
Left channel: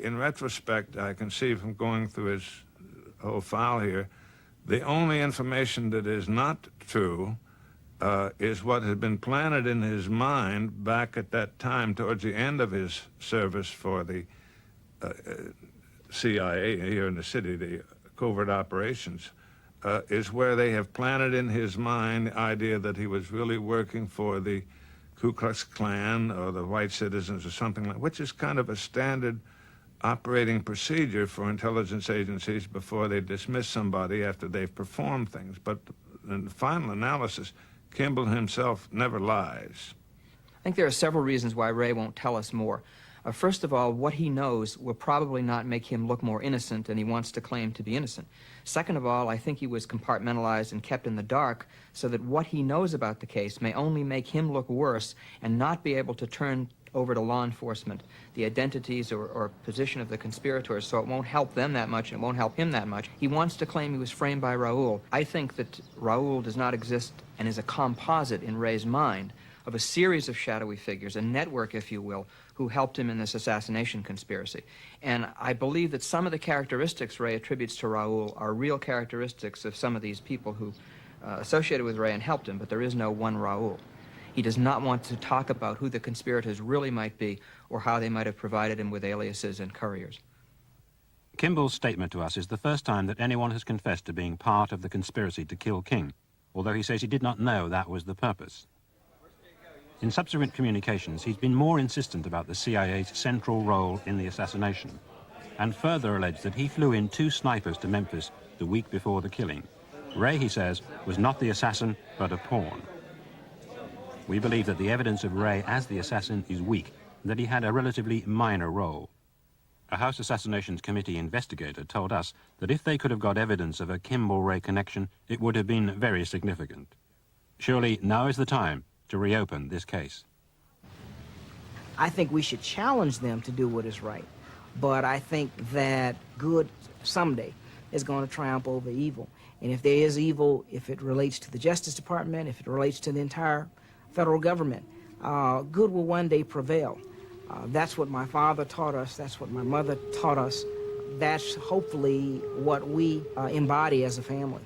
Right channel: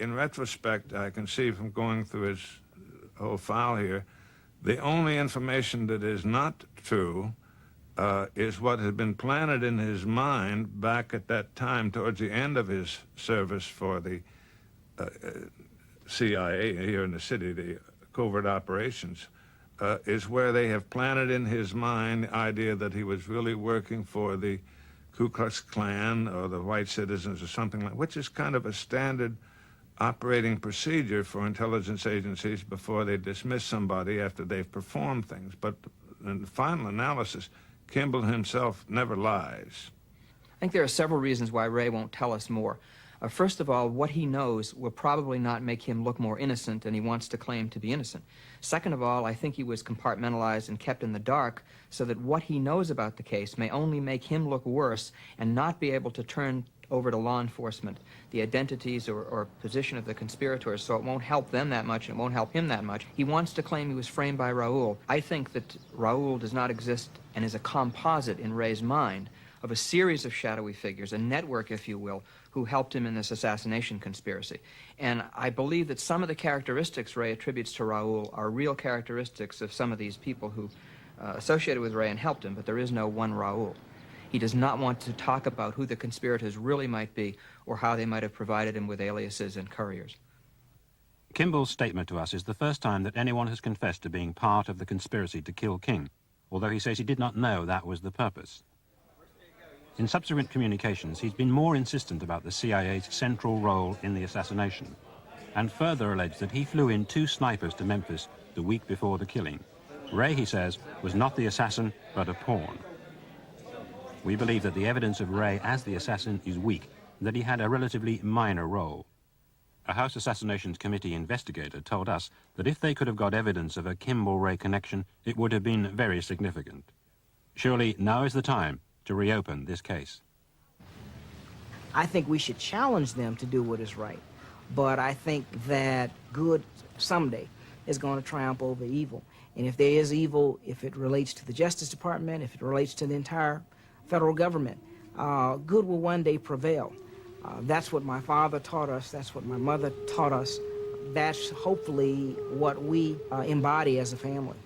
in retrospect, I can see from going through his whole file here, the only information that is not true is what had been planted in his mind back at that time towards the end of his service for the CIA here in the city, the covert operations. is where they have planted in his mind the idea that he was really working for the Ku Klux Klan or the white citizens or something like, which is kind of a standard operating procedure for intelligence agencies before they dismiss somebody after they perform things. But in the final analysis, Kimball himself never lies. I think there are several reasons why Ray won't tell us more. First of all, what he knows will probably not make him look more innocent than he wants to claim to be innocent. Second of all, I think he was compartmentalized and kept in the dark so that what he knows about the case may only make him look worse and not be able to turn over to law enforcement the identities or position of the conspirators, so it won't help them that much and it won't help him that much. He wants to claim he was framed by Raoul. I think that Raoul does not exist and is a composite in Ray's mind of a series of shadowy figures, a network, if you will, who helped him in this assassination conspiracy. And I believe that some of the characteristics Ray attributes to Raoul are real characteristics of some of these people who associated with Ray and helped him, but there is no one Raoul. He does not want to talk about who the conspirators really might be or how they might have provided him with aliases and couriers. Kimball's statement to us is the first time that anyone has confessed to being part of the conspiracy to kill King, although he says he did not know that was the purpose. In subsequent communications, he's been more insistent about the CIA's central role in the assassination, and further alleged that he flew in 2 snipers to Memphis the week before the killing. Ray, he says, was not the assassin, but a pawn. We believe that the evidence of Ray as the assassin is weak, and that he had a relatively minor role. A House Assassinations Committee investigator told us that if they could have got evidence of a Kimball-Ray connection, it would have been very significant. Surely now is the time to reopen this case. I think we should challenge them to do what is right, but I think that good someday is going to triumph over evil. And if there is evil, if it relates to the Justice Department, if it relates to the entire federal government, good will one day prevail. That's what my father taught us. That's what my mother taught us. That's hopefully what we embody as a family.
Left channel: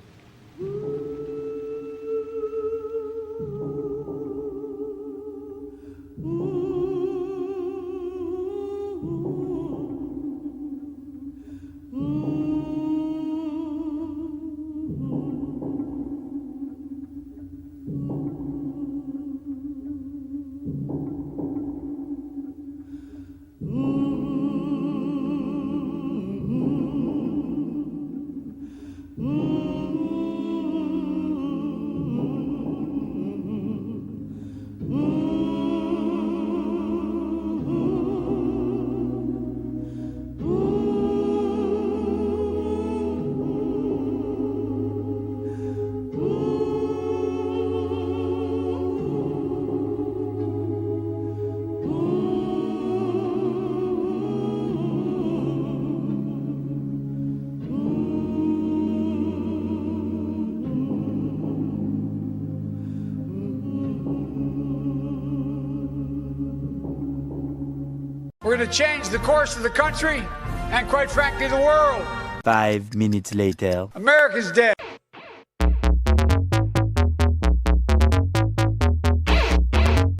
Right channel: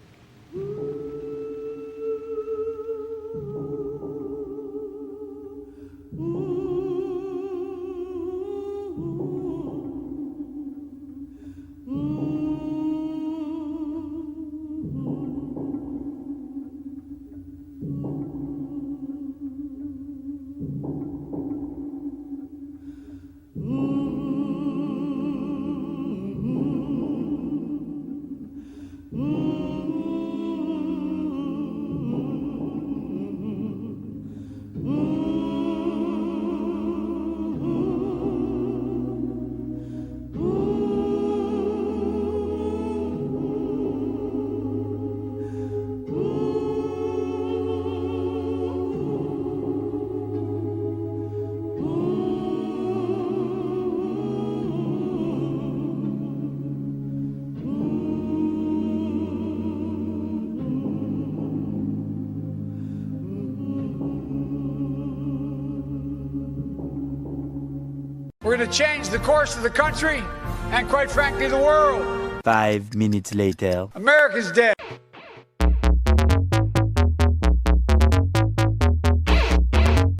We're going to change the course of the country and, quite frankly, the world. 5 minutes later. America's dead.